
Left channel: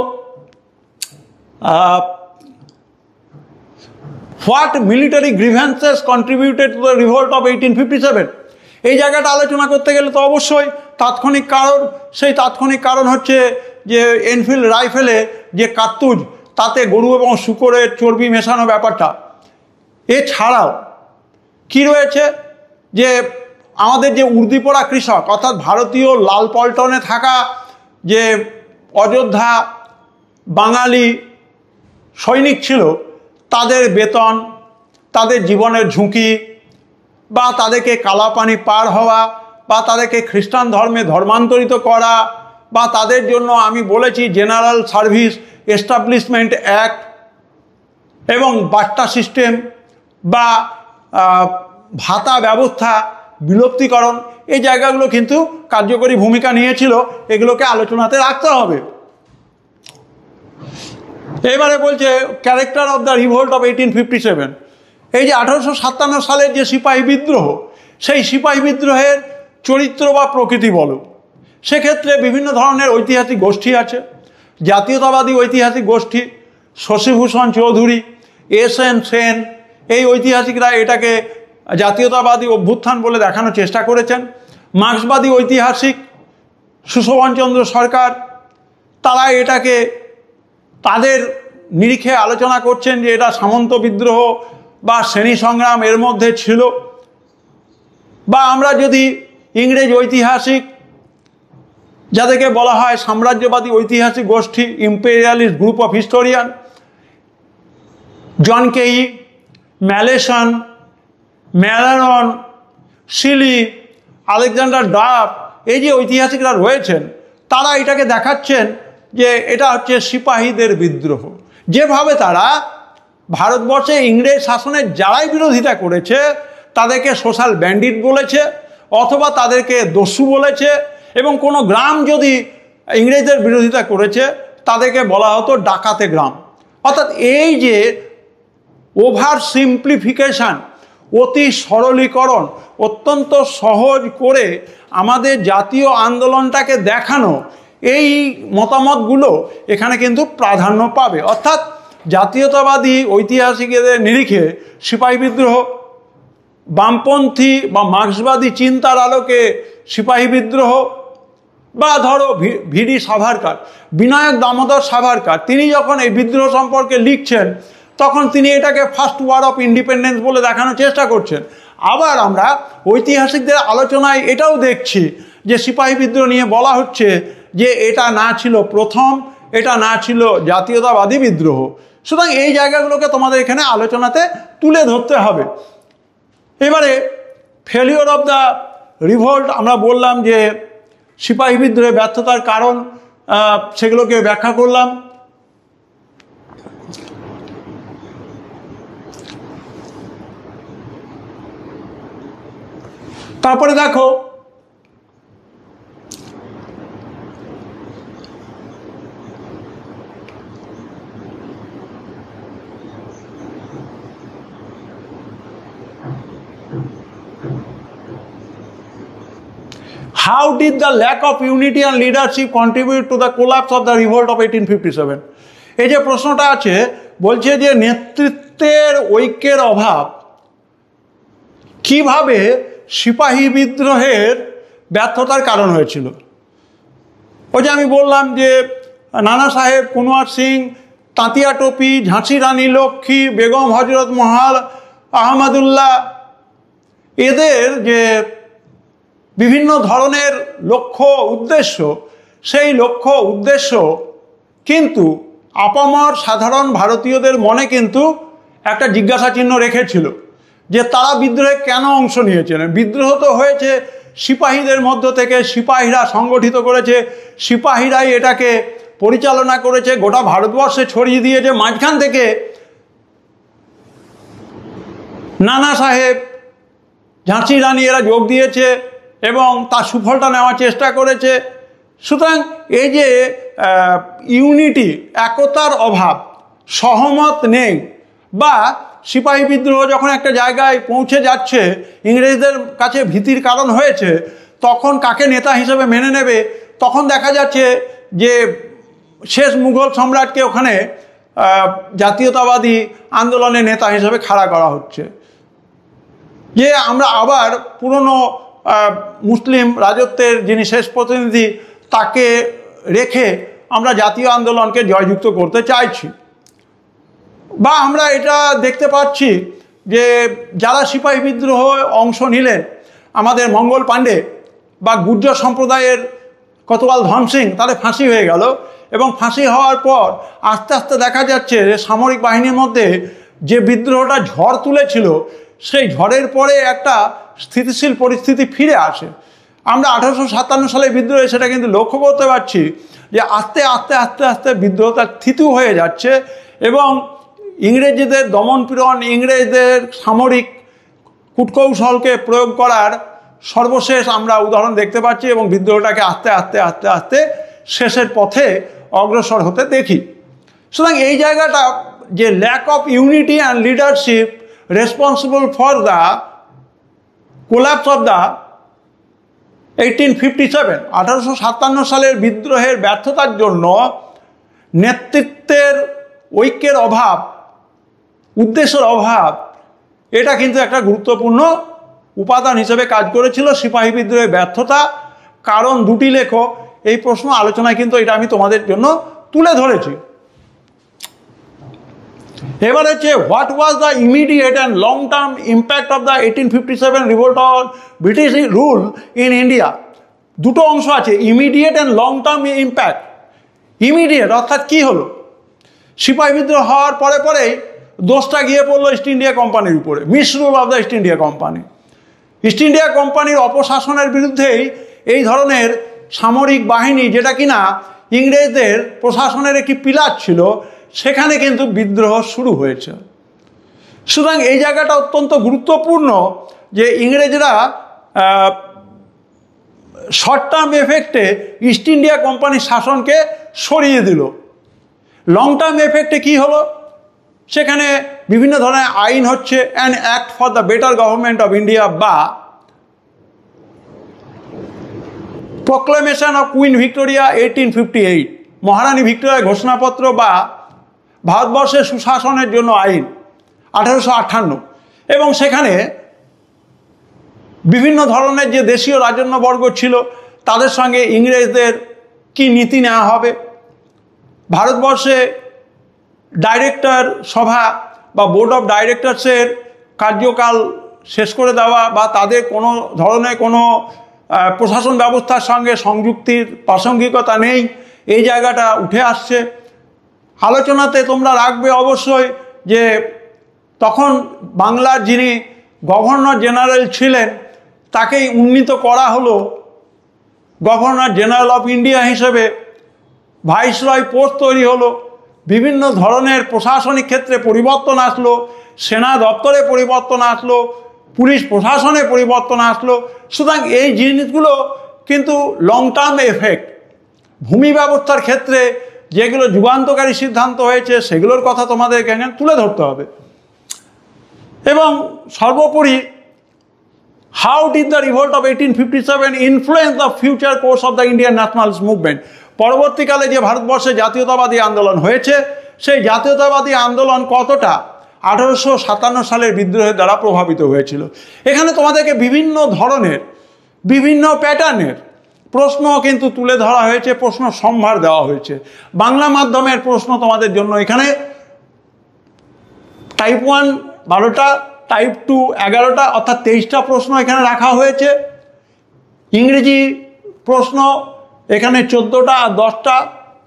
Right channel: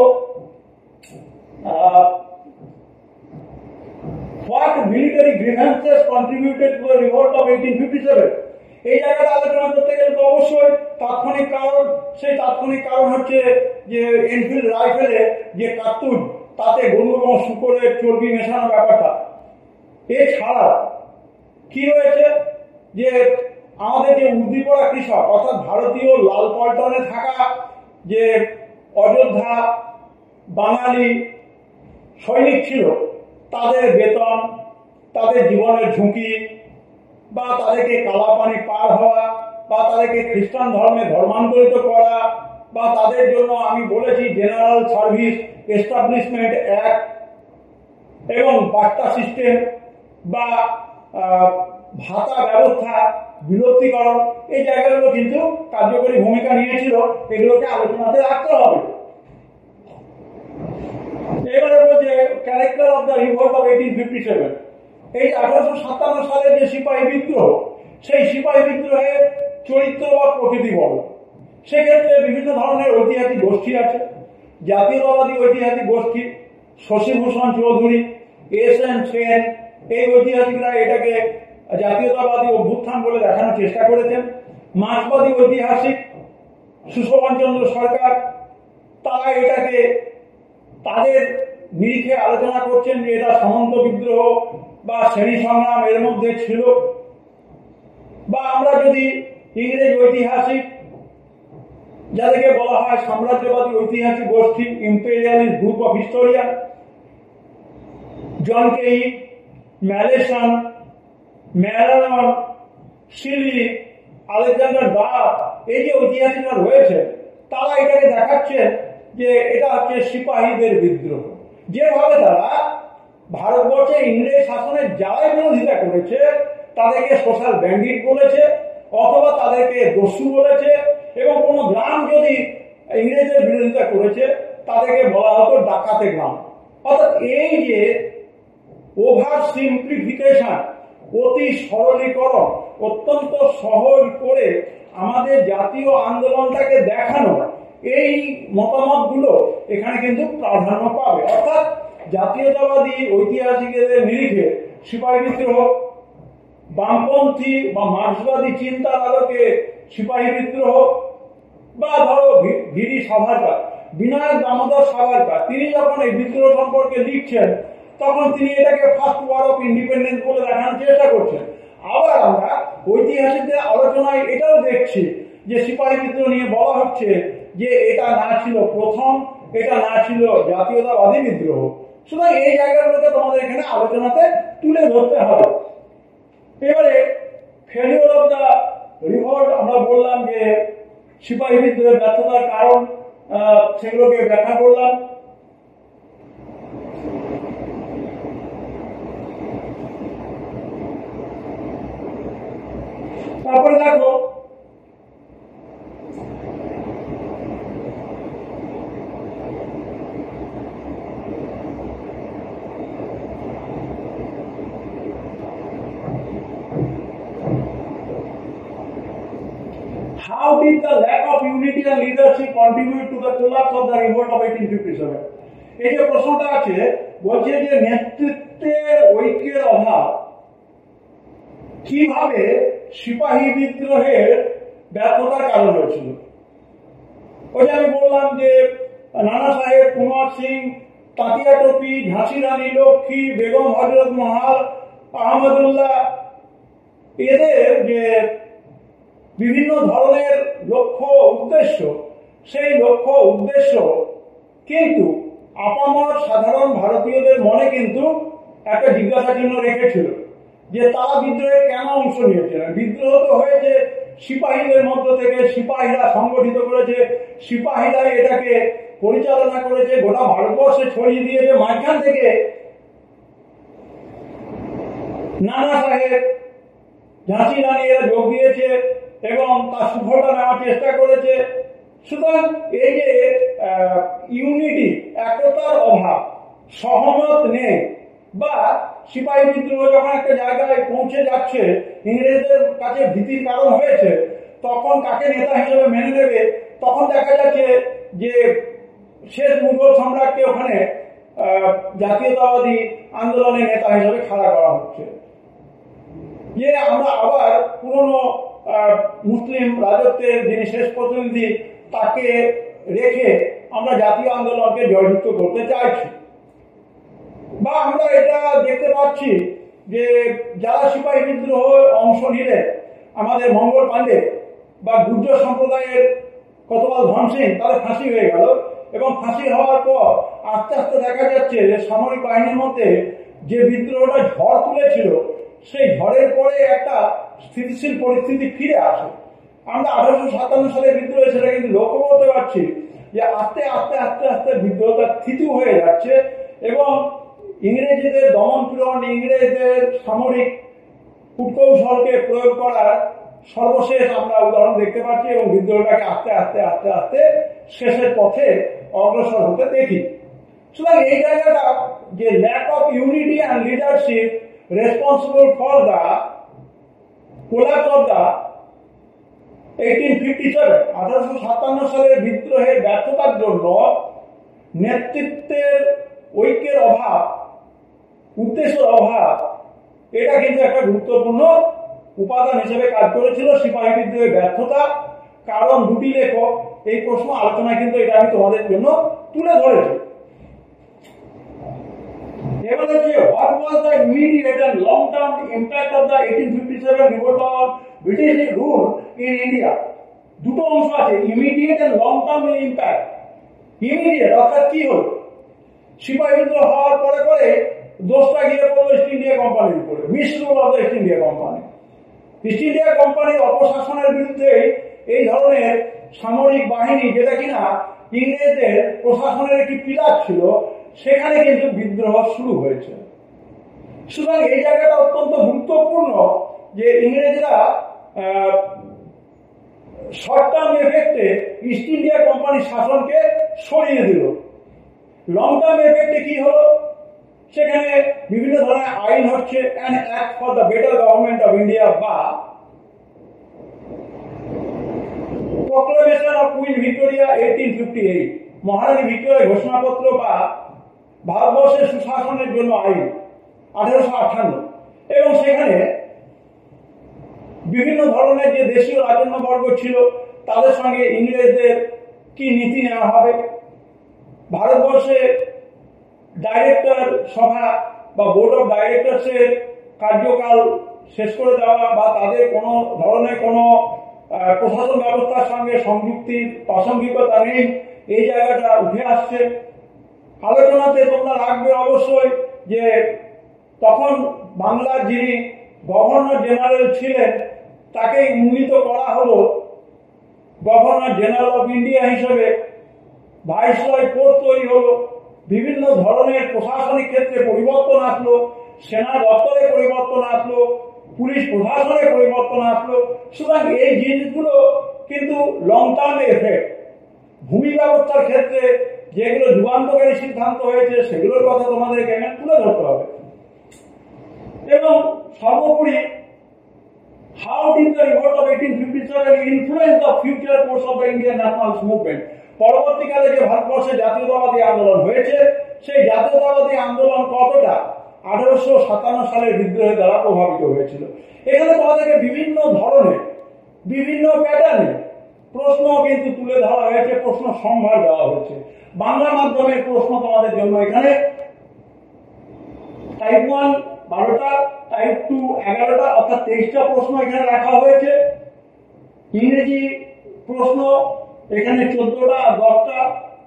what military grievances contributed to the revolt of 1857। এই জায়গাটা আলোচনা করতে গেলে তো অবশ্যই তাৎক্ষণিক কারণ, সেই তাৎক্ষণিক কারণ হচ্ছে যে এনফিল্ড রাইফেলে যে কার্তুজ তাতে গরু এবং শূকরের চর্বি মেশানো ব্যাপারটা। এছাড়াও কি রয়েছে যে আমাদের যে উর্দিপোড়া কৃষক অর্থাৎ ভারতীয় লাল পল্টনে থাকা যে অযোধ্যা বাঙালি সৈনিক ছিল, তাদের বেতন, তাদের জীবনের ঝুঁকি, বা তাদেরকে কালাপানি পার হওয়া, বা তাদেরকে খ্রিস্টান ধর্মে ধর্মান্তরিত করা, বা তাদের জন্য আমি বলেছি জেনারেল সার্ভিস এস্টাবলিশমেন্ট অ্যাক্ট এবং বাট্টা সিস্টেম বা ভাতা ব্যবস্থা বিলুপ্তিকরণ, এই জায়গাগুলো কিন্তু কার্যকরী ভূমিকা নিয়েছিল। এগুলোকে আলোচনাতে রাখতে হবে। এবারে বলছে character of the revolt of 1857। এই যে 1857 সালের যে সিপাহী বিদ্রোহ, সেই সিপাহী বিদ্রোহের চরিত্র বা প্রকৃতি বলো। সেক্ষেত্রে বিভিন্ন ধরনের ঐতিহাসিক গোষ্ঠী আছে। জাতীয়তাবাদী ঐতিহাসিক গোষ্ঠী শশীভূষণ চৌধুরী, এস.এন. সেন, এই ঐতিহাসিকরা এটাকে জাতীয়তাবাদী অভ্যুত্থান বলে দেখানোর চেষ্টা করেছেন। মার্ক্সবাদী ঐতিহাসিক সুশোভনচন্দ্র সরকার, তারা এটাকে তাদের নিরিখে আলোচনা করছেন যে এটা সামন্ত বিদ্রোহ বা শ্রেণী সংগ্রাম এর মধ্যে ছিল। বা আমরা যদি ইংরেজ ঐতিহাসিক যাদেরকে বলা হয় সাম্রাজ্যবাদী ঐতিহাসিক গোষ্ঠী, ইম্পেরিয়ালিস্ট গ্রুপ অফ হিস্টোরিয়ান, জন কেই, ম্যালেসন, ম্যালারন, শিলি, আলেকজান্ডার ডাফ, এই যে ঐতিহাসিকরা রয়েছেন, তারা এটাকে দেখাচ্ছেন যে এটা হচ্ছে সিপাহীদের বিদ্রোহ। যেভাবে তারা ভারতবর্ষে ইংরেজ শাসনের যারাই বিরোধিতা করেছে তাদেরকে সোশ্যাল ব্যান্ডিট বলেছে, অথবা তাদেরকে দস্যু বলেছে, এবং কোনো গ্রাম যদি ইংরেজদের বিরোধিতা করেছে তাদেরকে বলা হতো ডাকাতে গ্রাম। অর্থাৎ এই যে ওভার সিম্পলিফিকেশান, অতি সরলীকরণ, অত্যন্ত সহজ করে আমাদের জাতীয় আন্দোলনটাকে দেখানো, এই মতামতগুলো এখানে কিন্তু প্রাধান্য পাবে। অর্থাৎ জাতীয়তাবাদী ঐতিহাসিকদের নিরিখে সিপাহী বিদ্রোহ, বামপন্থী বা মার্ক্সবাদী চিন্তার আলোকে সিপাহী বিদ্রোহ, বা ধরো ভিডি সাভারকার, বিনায়ক দামোদর সাভারকার, তিনি যখন এই বিদ্রোহ সম্পর্কে লিখছেন তখন তিনি এটাকে ফার্স্ট ওয়ার অফ ইন্ডিপেন্ডেন্স বলে দেখানোর চেষ্টা করছেন। আবার আমরা ঐতিহাসিকদের আলোচনায় এটাও দেখছি যে সিপাহী বিদ্রোহ নিয়ে বলা হচ্ছে যে এটা না ছিল প্রথম, এটা না ছিল জাতীয়তাবাদী বিদ্রোহ। সুতরাং এই জায়গাগুলোকে তোমাদের এখানে আলোচনাতে তুলে ধরতে হবে। এবারে ফেলিওর অফ দ্য রিভোল্ট, আমরা বললাম যে সিপাহী বিদ্রোহে ব্যর্থতার কারণ, সেগুলোকে ব্যাখ্যা করলাম। তারপরে দেখো how did the lack of unity and leadership contribute to the collapse of the revolt of 1857? এই যে প্রশ্নটা আছে, বলছে যে নেতৃত্বের ঐক্যের অভাব কিভাবে সিপাহী বিদ্রোহের ব্যর্থতার কারণ হয়েছিল। ওই যে আমি বললাম যে নানা সাহেব, কুনওয়ার সিং, তাঁতিয়া টোপি, ঝাঁসি রানী লক্ষ্মী, বেগম হজরত মহল, আহমদুল্লাহ, এদের যে বিভিন্ন ধরনের লক্ষ্য উদ্দেশ্য, সেই লক্ষ্য উদ্দেশ্য কিন্তু আপামর সাধারণ ভারতীয়দের মনে কিন্তু একটা জিজ্ঞাসা চিহ্ন রেখেছিল যে তারা বিদ্রোহে কেন অংশ নিয়েছিলেন। বিদ্রোহ তো হয়েছে সিপাহীদের মধ্য থেকে, সিপাহীরা সংগঠিত করেছে, সিপাহীরাই এটাকে পরিচালনা করেছে, গোটা ভারতবর্ষে ছড়িয়ে দিয়েছে। মাঝখান থেকে নানা সাহেব, ঝাঁসি রানী এরা যোগ দিয়েছে এবং তার সুফলটা নেওয়ার চেষ্টা করেছে। সুতরাং এই যে ইউনিটি, একতার অভাব, সহমত নেই, বা সিপাহী বিদ্রোহ যখন একটা জায়গায় পৌঁছে যাচ্ছে, ইংরেজদের কাছে ভীতির কারণ হয়েছে, তখন কাকে নেতা হিসেবে মেনে নেবে, তখন দেখা যাচ্ছে যে শেষ মুঘল সম্রাটকে ওখানে জাতীয়তাবাদী আন্দোলনের নেতা হিসেবে খাড়া করা হচ্ছে। যে আমরা আবার পুরনো মুসলিম রাজত্বের যিনি শেষ প্রতিনিধি, তাকে রেখে আমরা জাতীয় আন্দোলনকে জয়যুক্ত করতে চাইছি। বা আমরা এটা দেখতে পাচ্ছি যে যারা সিপাহী বিদ্রোহ অংশ নিলেন, আমাদের মঙ্গল পাণ্ডে বা গুর্জর সম্প্রদায়ের কতকাল ধন সিং, তাদের ফাঁসি হয়ে গেল, এবং ফাঁসি হওয়ার পর আস্তে আস্তে দেখা যাচ্ছে সামরিক বাহিনীর মধ্যে যে বিদ্রোহটা ঝড় তুলেছিল, সেই ঝড়ের পরে একটা স্থিতিশীল পরিস্থিতি ফিরে আসে। আমরা 1857 সালে বিদ্রোহে সেটা কিন্তু লক্ষ্য করতে পারছি যে আস্তে আস্তে আস্তে আস্তে বিদ্রোহটা থিতু হয়ে যাচ্ছে, এবং ইংরেজদের দমনপীড়ন, ইংরেজদের সামরিক কূটকৌশলকে প্রয়োগ করার সর্বশেষ আমরা উদাহরণ দেখতে পাচ্ছি, এবং বিদ্রোহটাকে আস্তে আস্তে আস্তে আস্তে শেষের পথে অগ্রসর হতে দেখি। সুতরাং এই জায়গাটা যে lack of unity and leadership responsible for the collapse of the 1857, 1857 সালের বিদ্রোহের ব্যর্থতার জন্য নেতৃত্বের ঐক্যের অভাব, উদ্দেশ্যের অভাব, এটা কিন্তু একটা গুরুত্বপূর্ণ উপাদান হিসেবে কাজ করেছিল সিপাহী বিদ্রোহের ব্যর্থতা। কারণ দুটি লেখো, এই প্রশ্ন আলোচনায় কিন্তু এটা আমি তোমাদের জন্য তুলে ধরেছি। এবার হচ্ছে what was the immediate and long term impact of the 1857 revolt on British rule in India. দুটো অংশ আছে, immediate and long term impact. Immediate অর্থাৎ কি হলো, সিপাহী বিদ্রোহ হওয়ার পরে পরেই দোষটা গিয়ে পড়লো ইস্ট ইন্ডিয়া কোম্পানির উপরে, misrule of the East India company. East India কোম্পানির অপশাসনের বিরুদ্ধেই এই ধরনের সামরিক বাহিনী, যেটা কিনা ইংরেজদের প্রশাসনের একটি পিলার ছিল, সেখানে কিন্তু বিদ্রোহ শুরু হয়েছে। সুতরাং এই জায়গাটা অত্যন্ত গুরুত্বপূর্ণ যে ইংরেজরা শর্ট টার্ম এফেক্টে ইস্ট ইন্ডিয়া কোম্পানির শাসনকে সরিয়ে দিল। লং টার্ম এফেক্টে কি হলো, সেখানে বিভিন্ন ধরনের আইন হচ্ছে an act for the better government of India বা প্রক্লেমেশন অফ কুইন ভিক্টোরিয়া 1858, মহারানী ভিক্টোরিয়ার ঘোষণাপত্র বা ভারতবর্ষের সুশাসনের জন্য আইন 1858, এবং সেখানে বিভিন্ন ধরনের যে দেশীয় রাজন্যবর্গ ছিল তাদের সঙ্গে ইংরেজদের কি নীতি নেওয়া হবে, ভারতবর্ষে ডাইরেক্টর সভা বা বোর্ড অফ ডাইরেক্টরসের কার্যকাল শেষ করে দেওয়া বা তাদের কোনো ধরনের কোনো প্রশাসন ব্যবস্থার সঙ্গে সংযুক্তির প্রাসঙ্গিকতা নেই, এই জায়গাটা উঠে আসছে। আলোচনাতে তোমরা রাখবে অবশ্যই যে তখন বাংলার যিনি গভর্নর জেনারেল ছিলেন তাকেই উন্নীত করা হলো গভর্নর জেনারেল অফ ইন্ডিয়া হিসেবে, ভাইসরয় পোস্ট তৈরি হলো, বিভিন্ন ধরনের প্রশাসনিক ক্ষেত্রে পরিবর্তন আসলো, সেনা দপ্তরে পরিবর্তন আসলো, পুলিশ প্রশাসনে পরিবর্তন আসলো। সুতরাং এই জিনিসগুলো কিন্তু লং টার্ম এফেক্ট, ভূমি ব্যবস্থার ক্ষেত্রে যেগুলো যুগান্তকারী সিদ্ধান্ত হয়েছে সেগুলোর কথা তোমাদেরকে তুলে ধরতে হবে। এবং সর্বোপরি how did the revolt of 1857 influence the future course of the Indian nationalist movement, পরবর্তীকালে যে ভারতবর্ষে জাতীয়তাবাদী আন্দোলন হয়েছে সেই জাতীয়তাবাদী আন্দোলন কতটা 1857 সালের বিদ্রোহের দ্বারা প্রভাবিত হয়েছিল। এখানে তোমাদেরকে বিভিন্ন ধরনের বিভিন্ন প্যাটার্নের প্রশ্ন কিন্তু তুলে ধরা হয়েছে, প্রশ্ন সম্ভার দেওয়া হয়েছে। বাংলা মাধ্যমের প্রশ্ন তোমাদের জন্য এখানে টাইপ 1 12টা, টাইপ 2 11টা, অর্থাৎ 23টা প্রশ্ন এখানে রাখা হয়েছে। ইংরেজি প্রশ্ন এখানে 14টা আর 10টা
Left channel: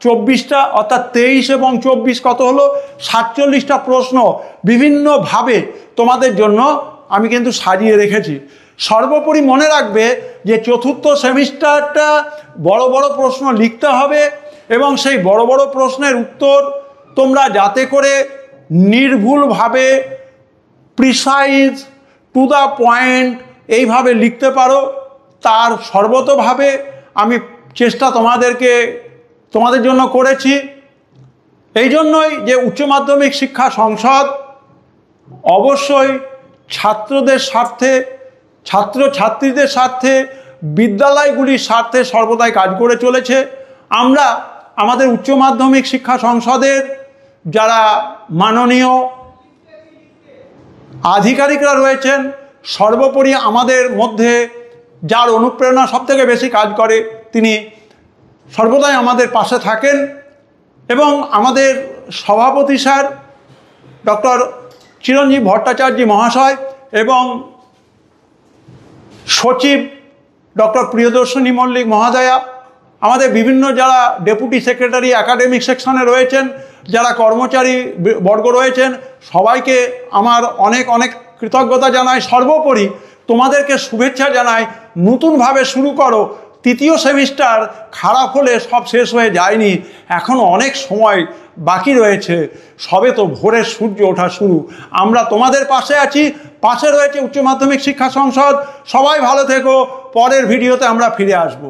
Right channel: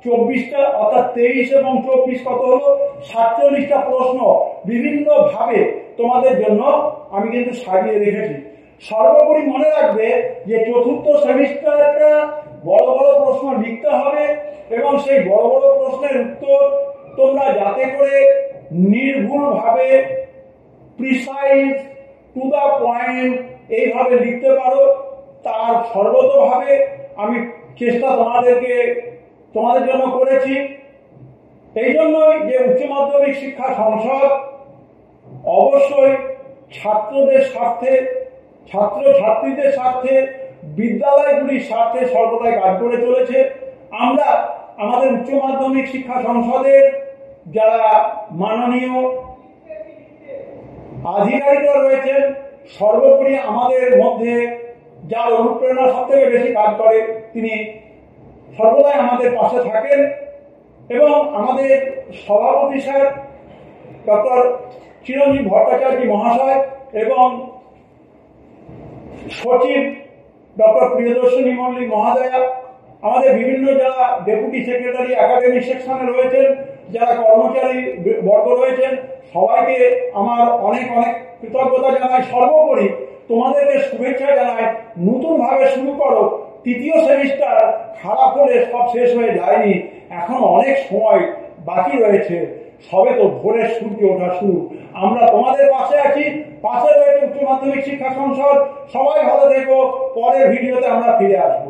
24টা, অর্থাৎ 23 এবং 24 কত হলো 47টা প্রশ্ন বিভিন্নভাবে তোমাদের জন্য আমি কিন্তু সাজিয়ে রেখেছি। সর্বোপরি মনে রাখবে যে চতুর্থ সেমিস্টারটা বড় বড় প্রশ্ন লিখতে হবে এবং সেই বড় বড় প্রশ্নের উত্তর তোমরা যাতে করে নির্ভুলভাবে প্রিসাইজ টু দ্য পয়েন্ট এইভাবে লিখতে পারো তার সর্বতোভাবে আমি চেষ্টা তোমাদের জন্য করেছি। এই জন্যই যে উচ্চ মাধ্যমিক শিক্ষা সংসদ অবশ্যই ছাত্রদের স্বার্থে, ছাত্রছাত্রীদের স্বার্থে, বিদ্যালয়গুলির স্বার্থে সর্বদাই কাজ করে চলেছে। আমরা আমাদের উচ্চ মাধ্যমিক শিক্ষা সংসদের যারা মাননীয় আধিকারিকরা রয়েছেন, সর্বোপরি আমাদের মধ্যে যার অনুপ্রেরণা সবথেকে বেশি কাজ করে তিনি সর্বদাই আমাদের পাশে থাকেন এবং আমাদের সভাপতি স্যার ডক্টর চিরঞ্জীব ভট্টাচার্য মহাশয় এবং সচিব ডক্টর প্রিয়দর্শনী মল্লিক মহাদয়া, আমাদের বিভিন্ন যারা ডেপুটি সেক্রেটারি একাডেমিক সেকশনে রয়েছেন, যারা কর্মচারী বর্গ রয়েছেন, সবাইকে আমার অনেক অনেক কৃতজ্ঞতা জানাই। সর্বোপরি তোমাদেরকে শুভেচ্ছা জানাই। নতুনভাবে শুরু করো, তৃতীয় সেমিস্টার খারাপ হলে সব শেষ হয়ে যায়নি, এখন অনেক সময় বাকি রয়েছে, সবে তো ভোরের সূর্য ওঠা শুরু। আমরা তোমাদের পাশে আছি, পাশে রয়েছে উচ্চ মাধ্যমিক শিক্ষা সংসদ। সবাই ভালো থেকো, পরের ভিডিওতে আমরা ফিরে আসবো।